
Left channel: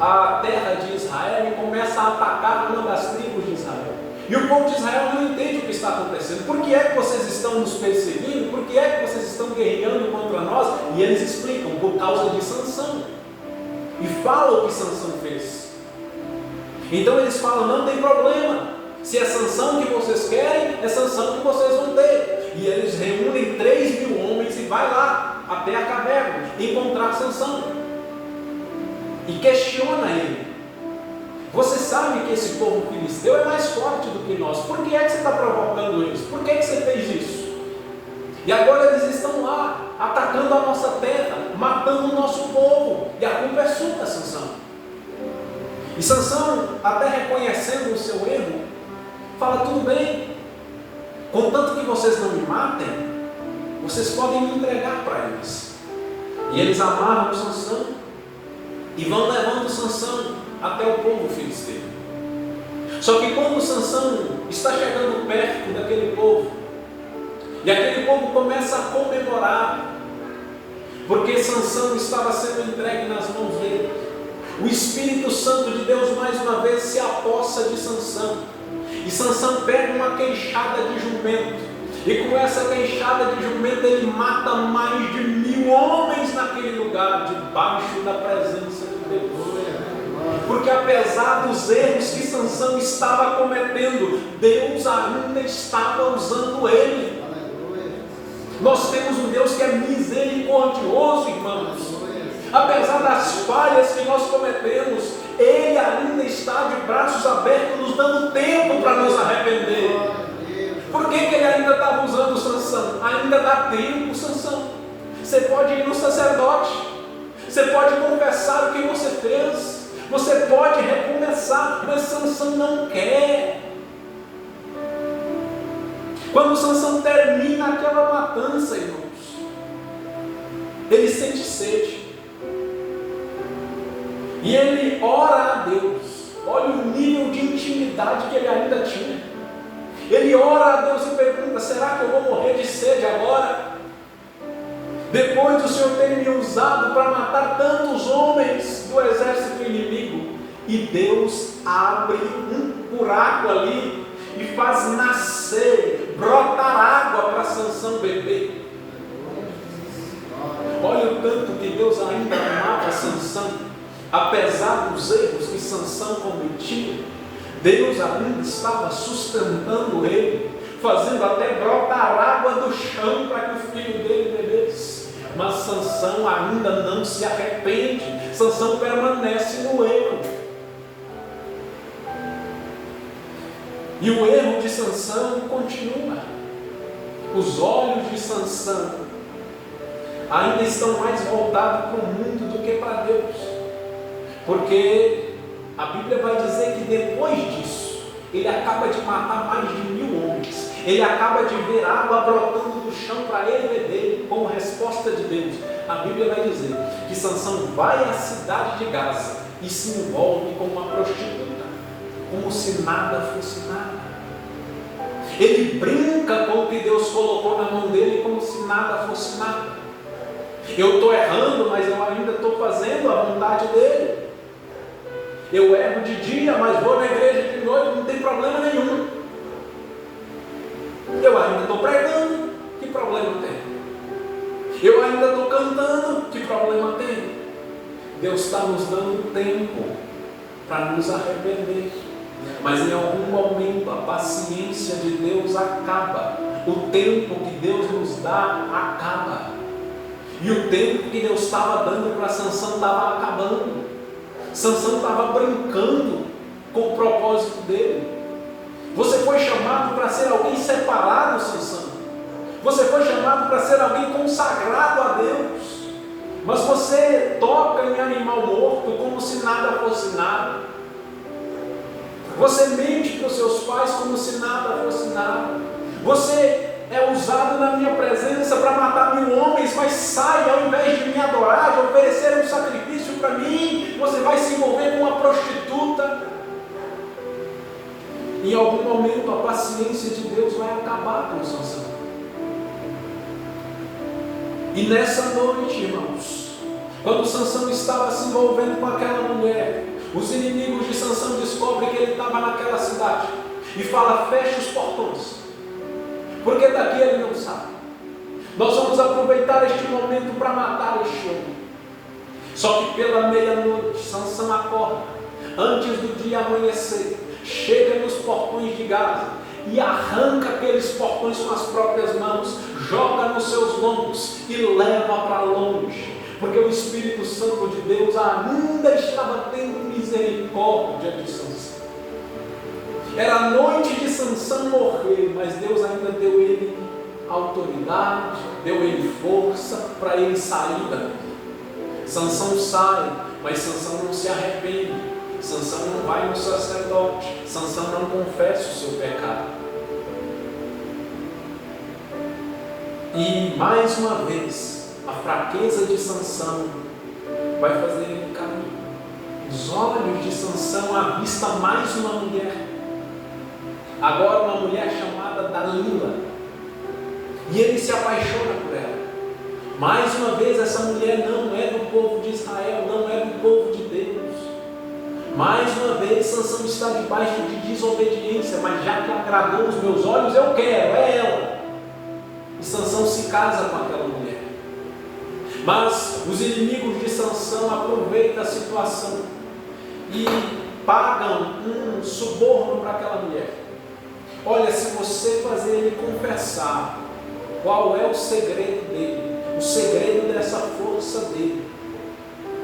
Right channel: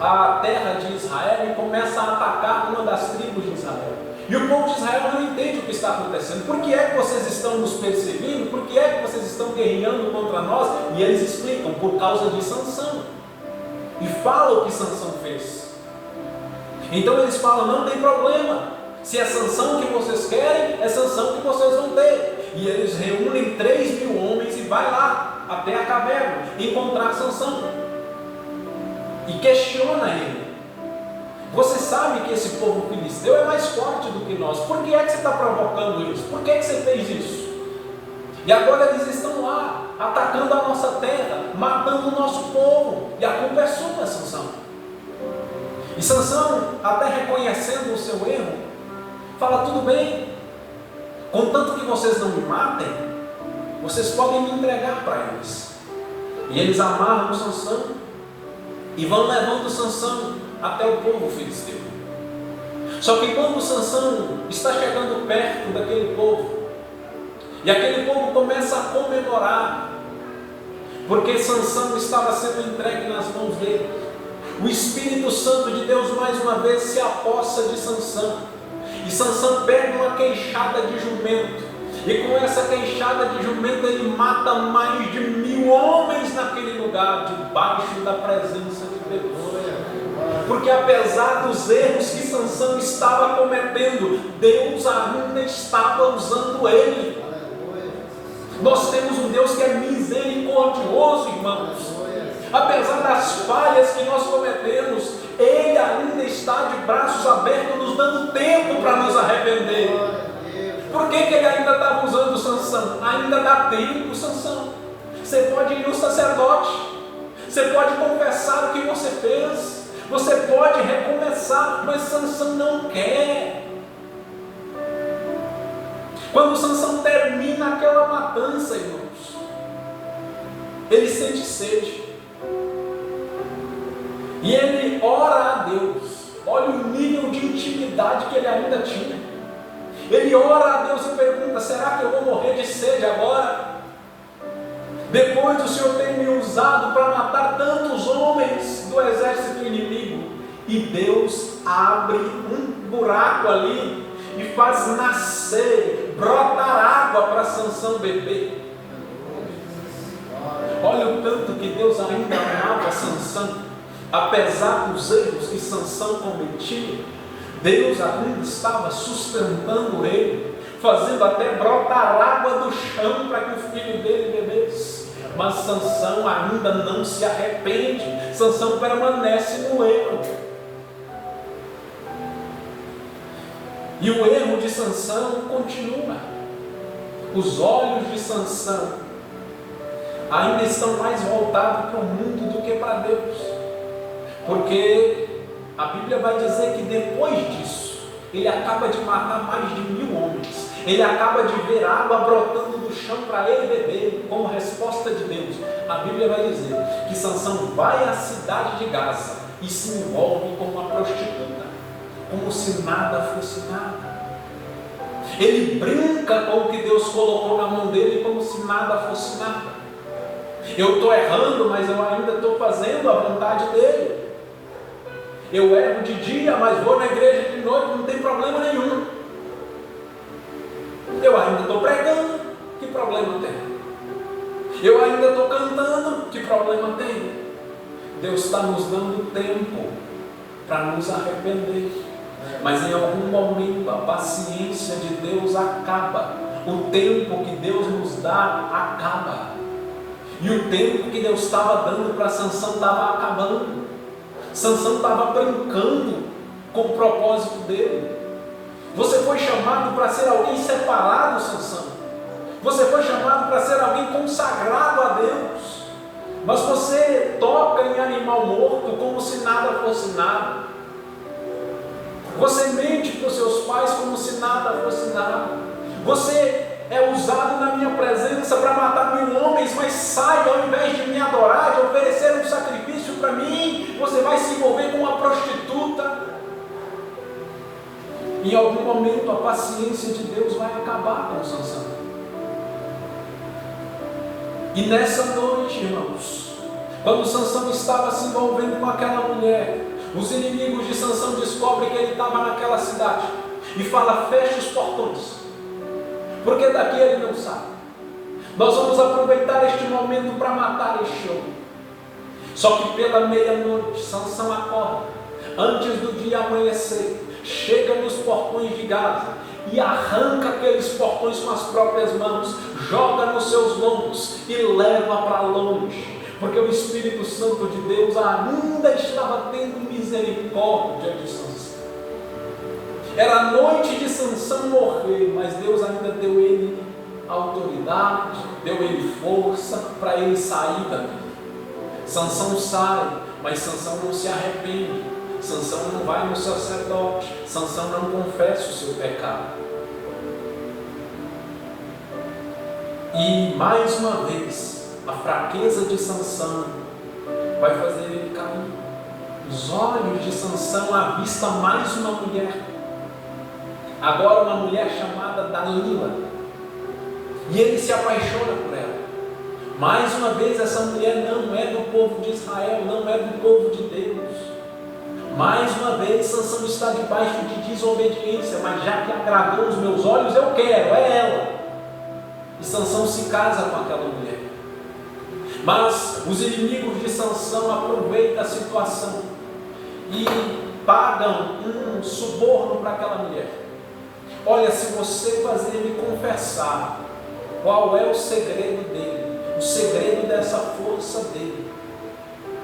a terra de Israel e começa a atacar uma das tribos de Israel. E o povo de Israel não entende o que está acontecendo. Por que é que vocês estão nos perseguindo? Por que é que vocês estão guerreando contra nós? E eles explicam: por causa de Sansão. E falam o que Sansão fez. Então eles falam: não tem problema. Se é Sansão que vocês querem, é Sansão que vocês vão ter. E eles reúnem 3.000 homens e vai lá até a caverna encontrar Sansão. E questiona ele: você sabe que esse povo filisteu é mais forte do que nós. Por que é que você está provocando isso? Por que é que você fez isso? E agora eles estão lá, atacando a nossa terra, matando o nosso povo. E a culpa é sua, Sansão. E Sansão, até reconhecendo o seu erro, fala: tudo bem, contanto que vocês não me matem, vocês podem me entregar para eles. E eles amarram Sansão e vão levando Sansão até o povo filisteu. Só que quando Sansão está chegando perto daquele povo, e aquele povo começa a comemorar, porque Sansão estava sendo entregue nas mãos dele, o Espírito Santo de Deus mais uma vez se apossa de Sansão. E Sansão pega uma queixada de jumento, e com essa queixada de jumento ele mata mais de 1.000 homens naquele lugar, debaixo da presença de Deus. Porque apesar dos erros que Sansão estava cometendo, Deus ainda estava usando ele. Nós temos um Deus que é misericordioso, irmãos. Apesar das falhas que nós cometemos, Ele ainda está de braços abertos, nos dando tempo para nos arrepender. Por que Ele ainda estava usando Sansão? Ainda dá tempo, Sansão. Você pode ir no sacerdote, você pode confessar o que você fez, você pode recomeçar, mas Sansão não quer. Quando Sansão termina aquela matança, irmãos, ele sente sede. E ele ora a Deus. Olha o nível de intimidade que ele ainda tinha. Ele ora a Deus e pergunta: será que eu vou morrer de sede agora? Depois do Senhor ter me usado para matar tantos homens do exército inimigo. E Deus abre um buraco ali e faz nascer, brotar água para Sansão beber. Olha o tanto que Deus ainda amava Sansão. Apesar dos erros que Sansão cometia, Deus ainda estava sustentando ele, fazendo até brotar água do chão para que o filho dele bebesse. Mas Sansão ainda não se arrepende. Sansão permanece no erro. E o erro de Sansão continua. Os olhos de Sansão ainda estão mais voltados para o mundo do que para Deus. Porque a Bíblia vai dizer que depois disso, ele acaba de matar mais de 1.000 homens. Ele acaba de ver água brotando do chão para ele beber, como resposta de Deus. A Bíblia vai dizer que Sansão vai à cidade de Gaza e se envolve com uma prostituta, como se nada fosse nada. Ele brinca com o que Deus colocou na mão dele, como se nada fosse nada. Eu estou errando, mas eu ainda estou fazendo a vontade dele. Eu erro de dia, mas vou na igreja de noite, não tem problema nenhum. Eu ainda estou pregando, que problema tem? Eu ainda estou cantando, que problema tem? Deus está nos dando tempo para nos arrepender. Mas em algum momento a paciência de Deus acaba. O tempo que Deus nos dá acaba. E o tempo que Deus estava dando para Sansão estava acabando. Sansão estava brincando com o propósito dele. Você foi chamado para ser alguém separado, Sansão. Você foi chamado para ser alguém consagrado a Deus. Mas você toca em animal morto como se nada fosse nada. Você mente para os seus pais como se nada fosse nada. Você é usado na minha presença para matar 1000 homens, mas sai, ao invés de me adorar, de oferecer um sacrifício para mim, você vai se envolver com uma prostituta. Em algum momento a paciência de Deus vai acabar com Sansão. E nessa noite, irmãos, quando Sansão estava se envolvendo com aquela mulher, os inimigos de Sansão descobrem que ele estava naquela cidade e fala: fecha os portões, porque daqui ele não sabe. Nós vamos aproveitar este momento para matar este homem. Só que pela meia-noite Sansão acorda, antes do dia amanhecer, chega nos portões de Gaza e arranca aqueles portões com as próprias mãos, joga nos seus lombos e leva para longe, porque o Espírito Santo de Deus ainda estava tendo misericórdia de Sansão. Era a noite de Sansão morrer, mas Deus ainda deu ele autoridade, deu ele força para ele sair da vida. Sansão sai, mas Sansão não se arrepende. Sansão não vai no sacerdote, Sansão não confessa o seu pecado. E mais uma vez, a fraqueza de Sansão vai fazer ele cair. Os olhos de Sansão avistam mais uma mulher, agora uma mulher chamada Dalila, e ele se apaixona por ela. Mais uma vez, essa mulher não é do povo de Israel, não é do povo de Deus. Mais uma vez, Sansão está debaixo de desobediência, mas já que agradou os meus olhos, eu quero, é ela. E Sansão se casa com aquela mulher. Mas os inimigos de Sansão aproveitam a situação e pagam um suborno para aquela mulher. Olha, se você fazer ele confessar qual é o segredo dele, o segredo dessa força dele,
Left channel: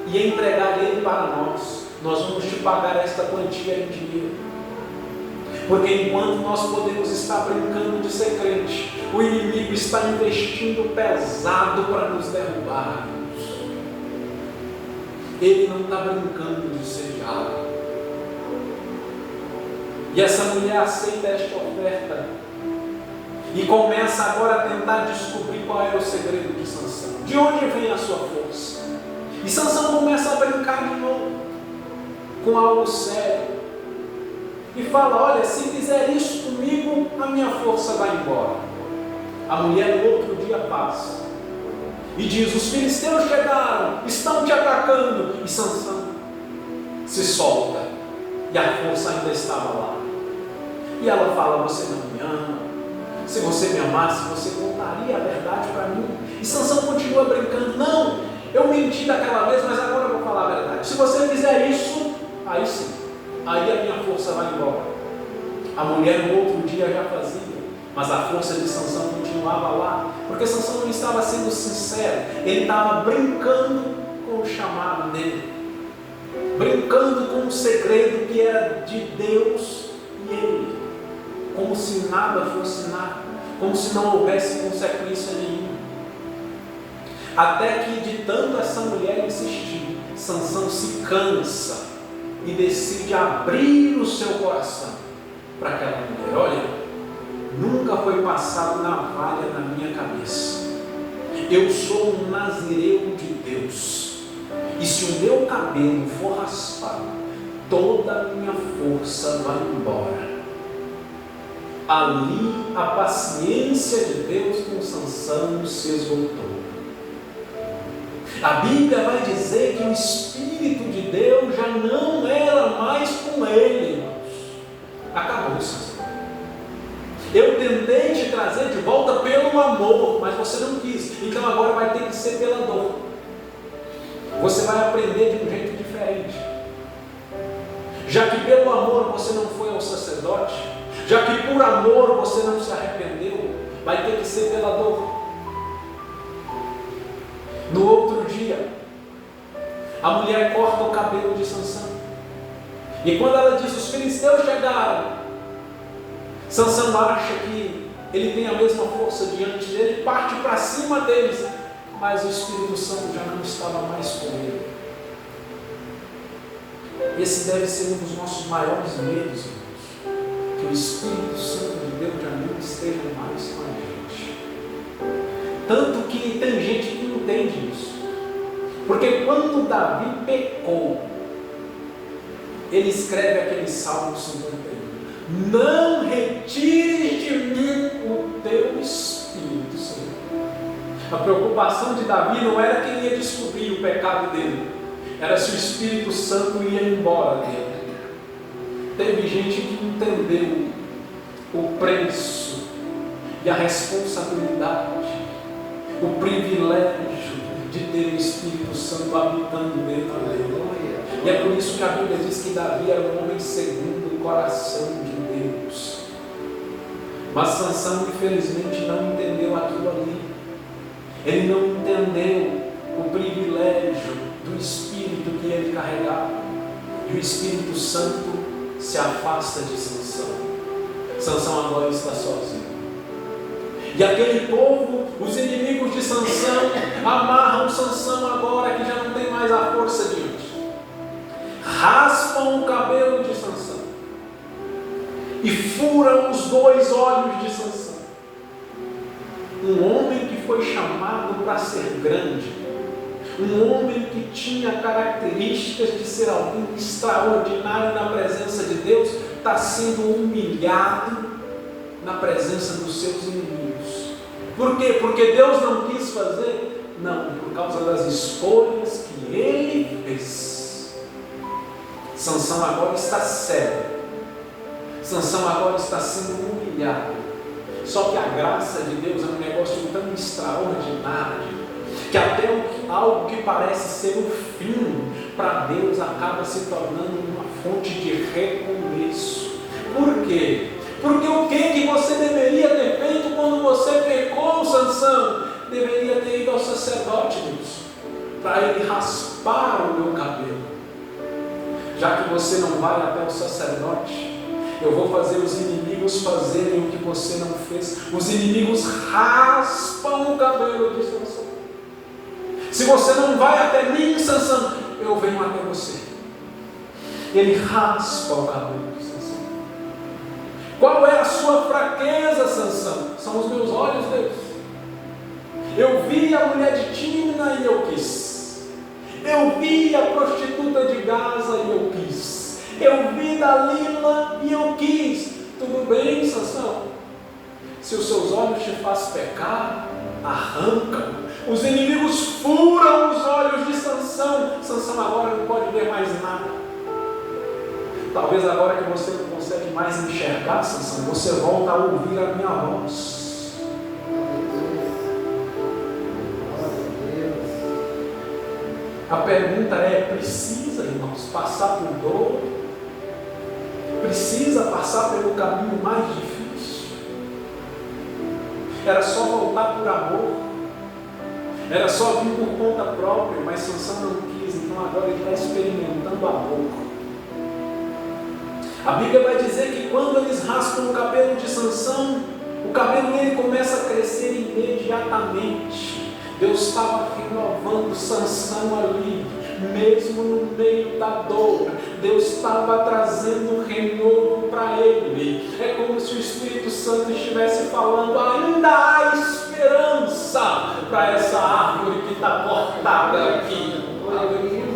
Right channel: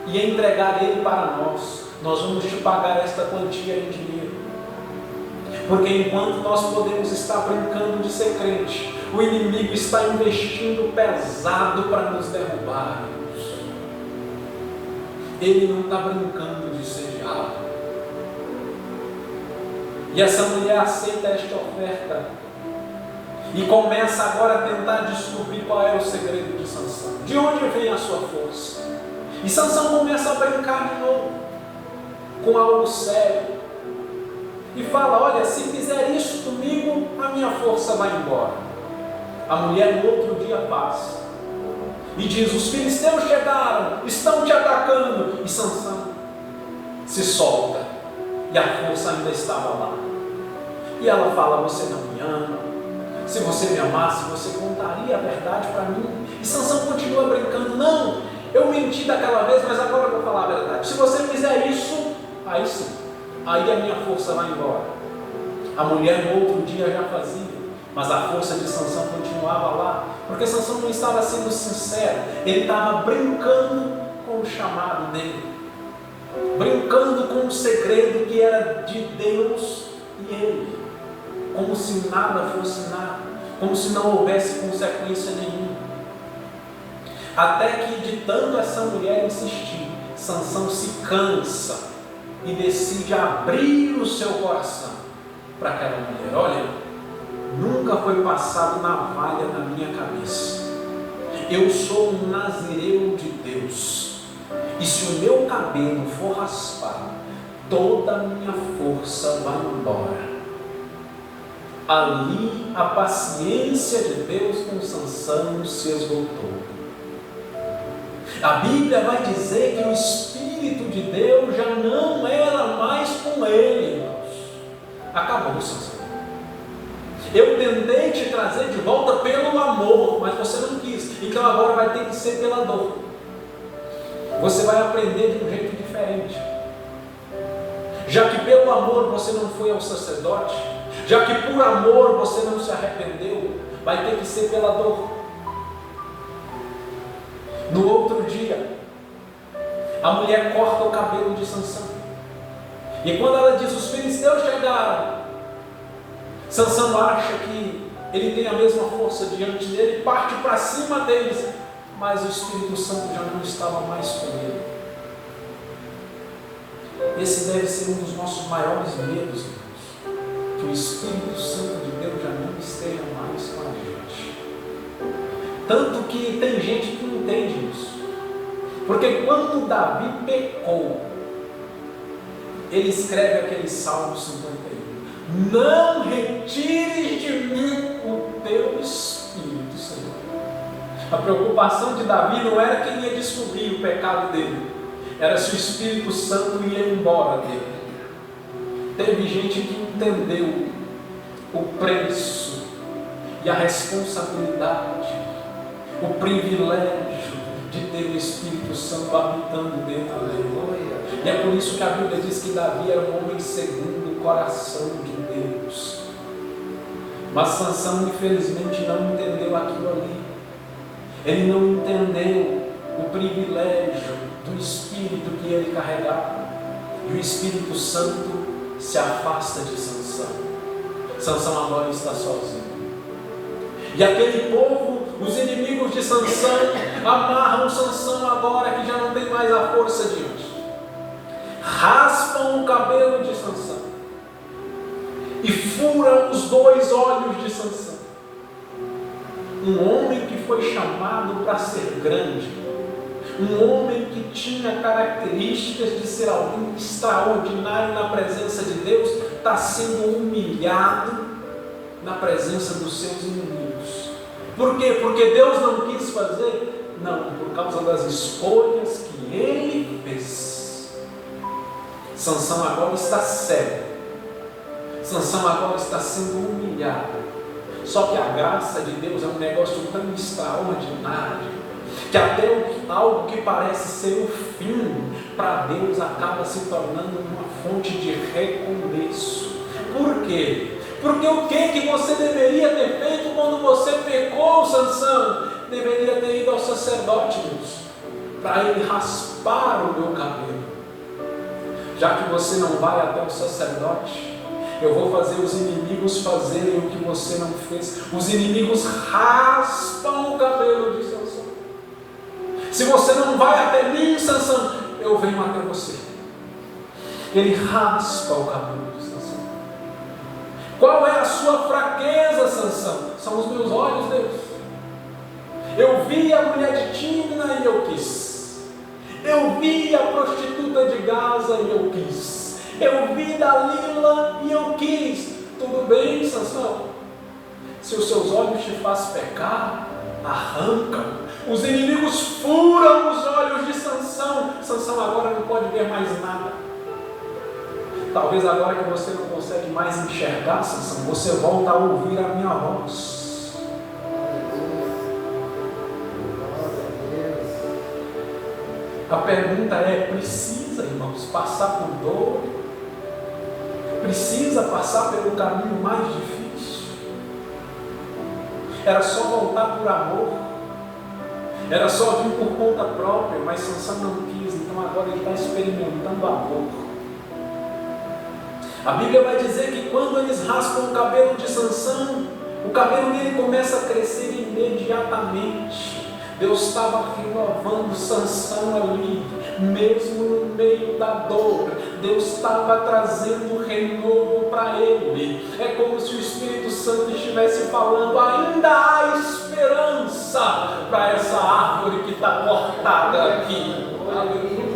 e entregar ele para nós vamos te pagar esta quantia em dinheiro. Porque enquanto nós podemos estar brincando de ser crente, o inimigo está investindo pesado para nos derrubar. Ele não está brincando de ser diabo. E essa mulher aceita esta oferta e começa agora a tentar descobrir qual era o segredo de Sansão. De onde vem a sua força? E Sansão começa a brincar de novo com algo sério e fala: olha, se fizer isso comigo, a minha força vai embora. A mulher no outro dia passa e diz: os filisteus chegaram, estão te atacando. E Sansão se solta e a força ainda estava lá. E ela fala: você não me ama? Se você me amasse, você contaria a verdade para mim. E Sansão continua brincando: não, eu menti daquela vez, mas agora eu vou falar a verdade. Se você fizer isso, aí sim, aí a minha força vai embora. A mulher no outro dia já fazia, mas a força de Sansão continuava lá, porque Sansão não estava sendo sincero, ele estava brincando com o chamado dele, brincando com o segredo que era de Deus e ele, como se nada fosse nada, como se não houvesse consequência nenhuma. Até que de tanto essa mulher insistir, Sansão se cansa e decide abrir o seu coração para aquela mulher. Olha, nunca foi passado navalha na minha cabeça. Eu sou um nazireu de Deus, e se o meu cabelo for raspado, toda a minha força vai embora. Ali a paciência de Deus com Sansão se esgotou. A Bíblia vai dizer que o Espírito de Deus já não era mais com ele, irmãos. Acabou, Sansão. Eu tentei te trazer de volta pelo amor, mas você não quis. Então agora vai ter que ser pela dor. Você vai aprender de um jeito diferente. Já que pelo amor você não foi ao sacerdote, já que por amor você não se arrependeu, vai ter que ser pela dor. No outro dia, a mulher corta o cabelo de Sansão. E quando ela diz: os filisteus chegaram, Sansão acha que ele tem a mesma força diante dele, parte para cima deles mas o Espírito Santo já não estava mais com ele. Esse deve ser um dos nossos maiores medos, irmãos, que o Espírito Santo de Deus já não esteja mais com a gente. Tanto que tem gente que não entende isso, porque quando Davi pecou, ele escreve aquele Salmo 51: não retires de mim o teu Espírito, Senhor. A preocupação de Davi não era quem ia descobrir o pecado dele, era se o Espírito Santo ia embora dele. Teve gente que entendeu o preço e a responsabilidade, o privilégio de ter o Espírito Santo habitando dentro dele. E é por isso que a Bíblia diz que Davi era um homem segundo o coração de Deus. Mas Sansão, infelizmente, não entendeu aquilo ali. Ele não entendeu o privilégio do Espírito que ele carregava. E o Espírito Santo se afasta de Sansão. Sansão agora está sozinho. E aquele povo, os inimigos de Sansão, amarram Sansão agora que já não tem mais a força de hoje. Raspam o cabelo de Sansão e furam os 2 olhos de Sansão. Um homem que foi chamado para ser grande, um homem que tinha características de ser alguém extraordinário na presença de Deus, está sendo humilhado na presença dos seus inimigos. Por quê? Porque Deus não quis fazer? Não, por causa das escolhas que ele fez. Sansão agora está cego. Sansão agora está sendo humilhado. Só que a graça de Deus é um negócio tão extraordinário que até algo que parece ser o fim, para Deus acaba se tornando uma fonte de recomeço. Por quê? Porque o que você deveria ter feito quando você pecou, Sansão? Deveria ter ido ao sacerdote, Deus, para ele raspar o meu cabelo. Já que você não vai até o sacerdote, eu vou fazer os inimigos fazerem o que você não fez. Os inimigos raspam o cabelo de Sansão. Se você não vai até mim, Sansão, eu venho até você. Ele raspa o cabelo de Sansão. Qual é a sua fraqueza, Sansão? São os meus olhos, Deus. Eu vi a mulher de Tímina e eu quis. Eu vi a prostituta de Gaza e eu quis. Eu vi Dalila e eu quis. Tudo bem, Sansão? Se os seus olhos te fazem pecar, arranca. Os inimigos furam os olhos de Sansão. Sansão agora não pode ver mais nada. Talvez agora que você não consegue mais enxergar, Sansão, você volta a ouvir a minha voz. A pergunta é: precisa, irmãos, passar por dor? Precisa passar pelo caminho mais difícil? Era só voltar por amor? Era só vir por conta própria? Mas Sansão não quis, então agora ele está experimentando amor. A Bíblia vai dizer que quando eles raspam o cabelo de Sansão, o cabelo dele começa a crescer imediatamente. Deus estava renovando Sansão ali, mesmo no meio da dor. Deus estava trazendo um renovo para ele. É como se o Espírito Santo estivesse falando: ainda há esperança para essa árvore que está cortada aqui. Aleluia.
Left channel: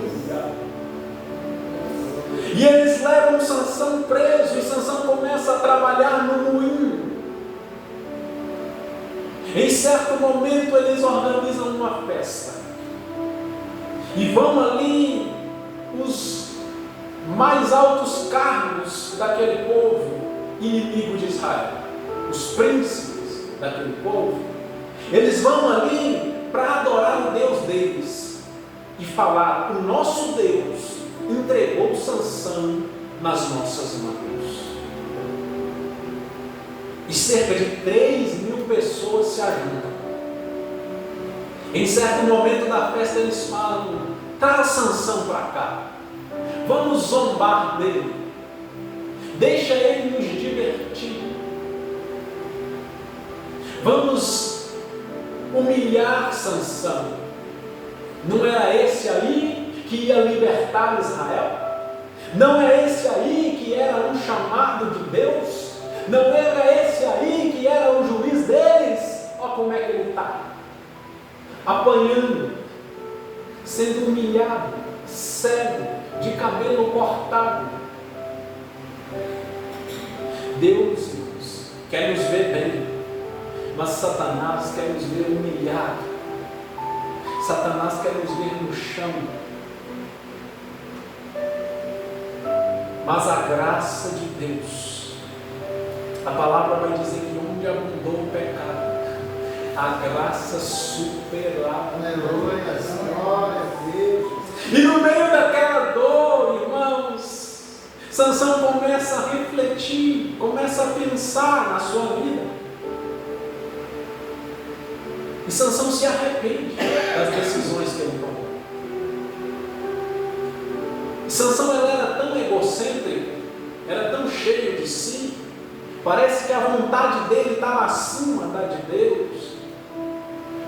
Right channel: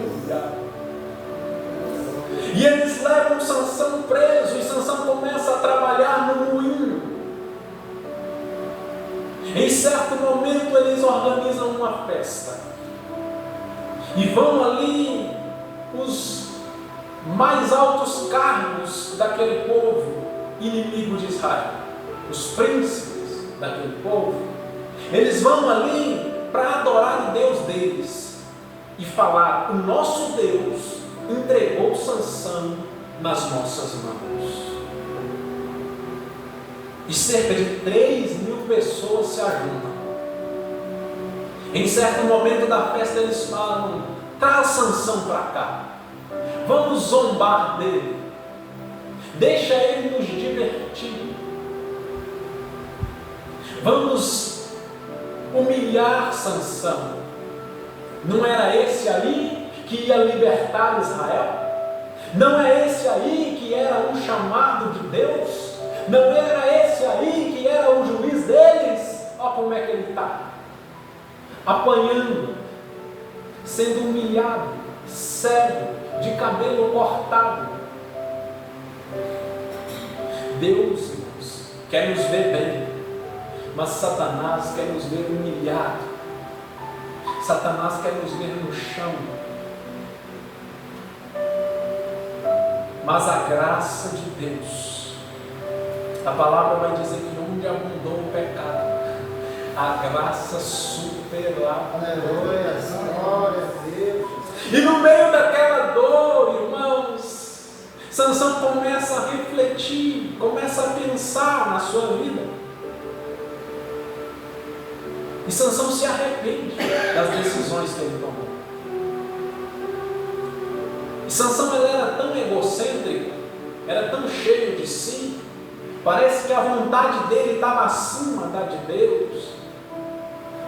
E eles levam Sansão preso, e Sansão começa a trabalhar no moinho. Em certo momento eles organizam uma festa e vão ali os mais altos cargos daquele povo inimigo de Israel, os príncipes daquele povo. Eles vão ali para adorar o Deus deles e falar: o nosso Deus entregou Sansão nas nossas mãos. E cerca de 3.000 pessoas se ajuntam. Em certo momento da festa eles falam: traz Sansão para cá, vamos zombar dele, deixa ele nos divertir, vamos humilhar Sansão. Não era esse aí que ia libertar Israel? Não é esse aí que era um chamado de Deus? Não era esse aí que era o juiz deles? Olha como é que ele está. Apanhando, sendo humilhado, cego, de cabelo cortado. Deus, irmãos, quer nos ver bem, mas Satanás quer nos ver humilhado. Satanás quer nos ver no chão. Mas a graça de Deus, a palavra vai dizer que onde abundou o pecado, a graça superava. Aleluia, glória a Deus. E no meio daquela dor, irmãos, Sansão começa a refletir, começa a pensar na sua vida. E Sansão se arrepende das decisões que ele tomou. E Sansão, ele era tão egocêntrico, era tão cheio de si, parece que a vontade dele estava acima da de Deus.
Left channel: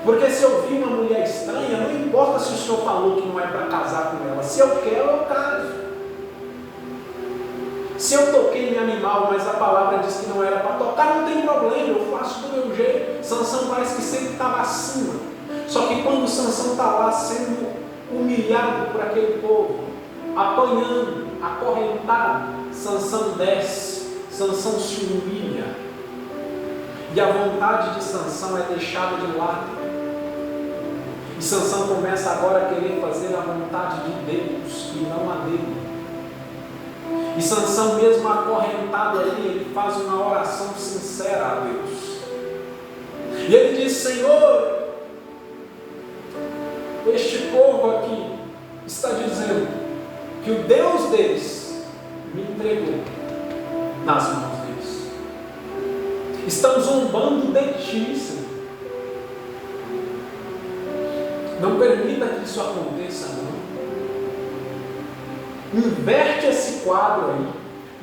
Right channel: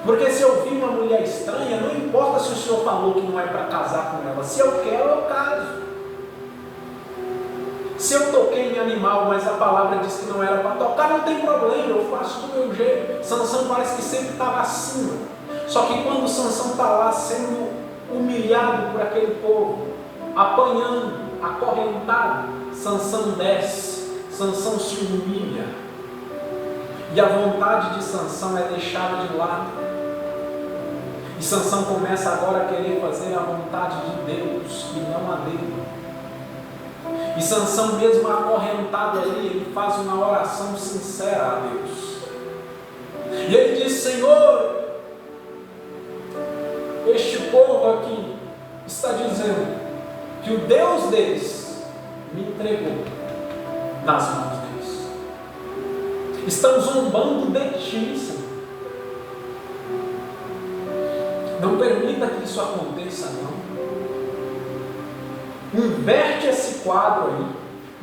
Porque se eu vi uma mulher estranha, não importa se o Senhor falou que não é para casar com ela, se eu quero, eu caso. Se eu toquei em animal, mas a palavra diz que não era para tocar, não tem problema, eu faço do meu jeito. Sansão parece que sempre estava acima. Só que quando Sansão está lá sendo humilhado por aquele povo, apanhando, acorrentado, Sansão desce, Sansão se humilha. E a vontade de Sansão é deixada de lado. E Sansão começa agora a querer fazer a vontade de Deus e não a dele. E Sansão, mesmo acorrentado ali, ele faz uma oração sincera a Deus. E ele diz: Senhor, este povo aqui está dizendo que o Deus deles me entregou nas mãos deles. Estão zombando de ti, Senhor. Não permita que isso aconteça, não. Inverte esse quadro aí.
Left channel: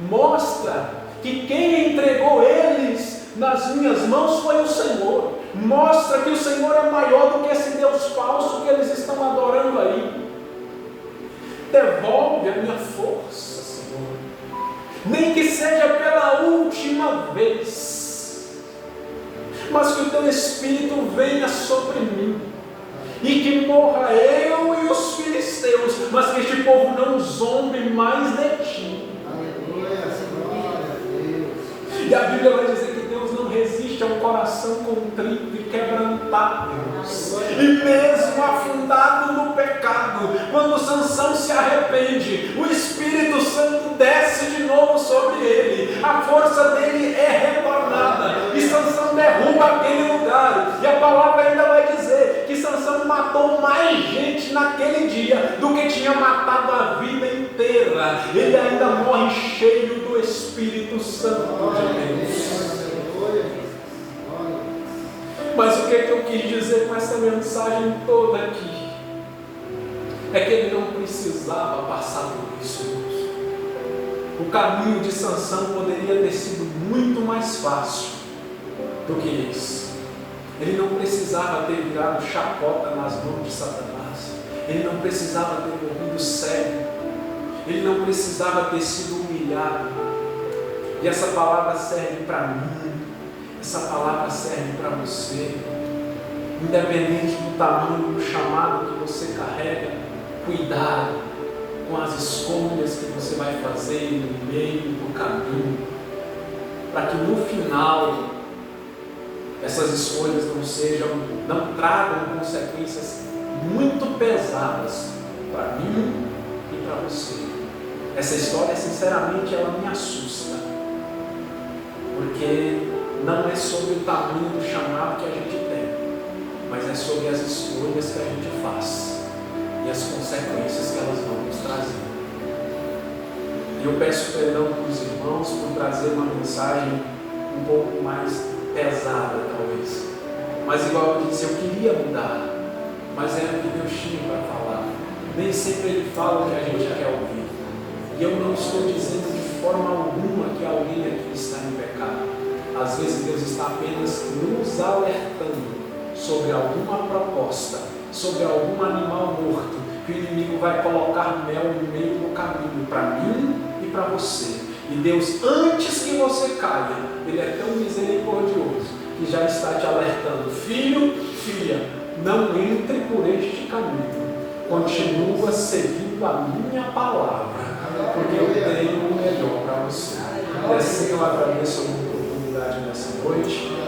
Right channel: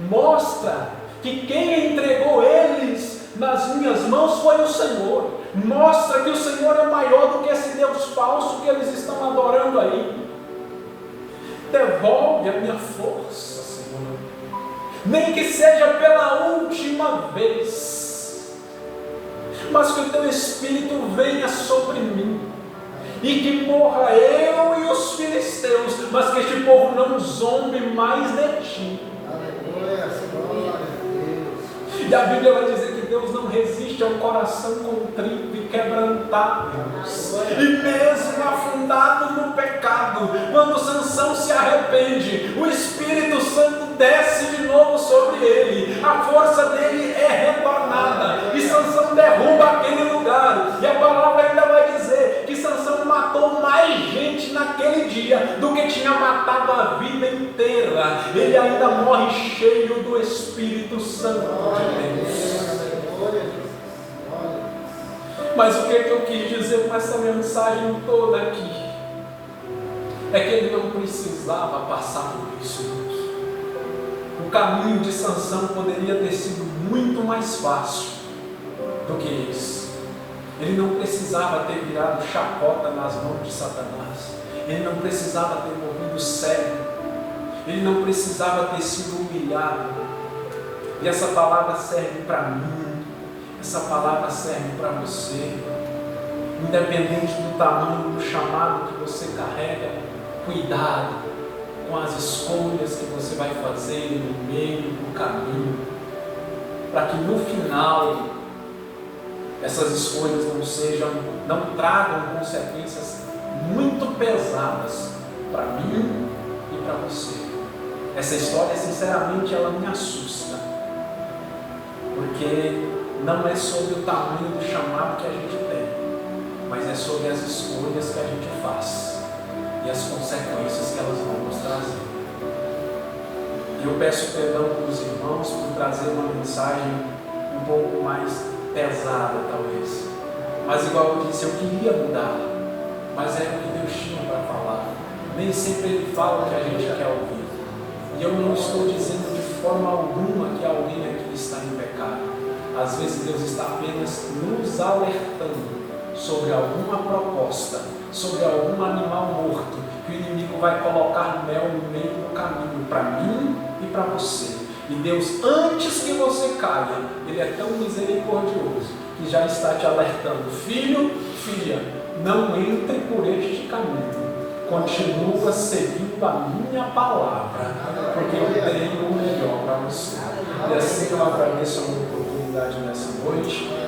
Mostra que quem entregou eles nas minhas mãos foi o Senhor. Mostra que o Senhor é maior do que esse Deus falso que eles estão adorando aí. Devolve a minha força, Senhor. Nem que seja pela última vez. Mas que o teu Espírito venha sobre mim. E que morra eu e os filisteus, mas que este povo não zombe mais de ti. Aleluia, glória a Deus. E a Bíblia vai dizer que Deus não resiste ao coração contrito e quebrantado. E mesmo afundado no pecado, quando Sansão se arrepende, o Espírito Santo desce de novo sobre ele, a força dele é retornada, e Sansão derruba aquele lugar. E a palavra ainda vai dizer que Sansão matou mais gente naquele dia do que tinha matado a vida inteira. Ele ainda morre cheio do Espírito Santo de Deus. Mas o que eu quis dizer com essa mensagem toda aqui é que ele não precisava passar por isso. O caminho de Sansão poderia ter sido muito mais fácil do que esse. Ele não precisava ter virado chacota nas mãos de Satanás. Ele não precisava ter morrido cego. Ele não precisava ter sido humilhado. E essa palavra serve para mim. Essa palavra serve para você. Independente do tamanho do chamado que você carrega, cuidado com as escolhas que você vai fazer no meio do caminho, para que no final essas escolhas não tragam consequências muito pesadas para mim e para você. Essa história, sinceramente, ela me assusta, porque não é sobre o tamanho do chamado que a gente tem, mas é sobre as escolhas que a gente faz e as consequências que elas vão nos trazer. E eu peço perdão para os irmãos por trazer uma mensagem um pouco mais pesada, talvez. Mas igual eu disse, eu queria mudar, mas era o que Deus tinha para falar. Nem sempre Ele fala o que a gente quer ouvir. E eu não estou dizendo de forma alguma que alguém aqui está em pecado. Às vezes Deus está apenas nos alertando sobre alguma proposta, sobre algum animal morto, que o inimigo vai colocar mel no meio do caminho para mim e para você. E Deus, antes que você caia, Ele é tão misericordioso que já está te alertando: filho, filha, não entre por este caminho, continua seguindo a minha palavra, porque eu tenho o melhor para você. E assim eu agradeço a oportunidade nessa noite.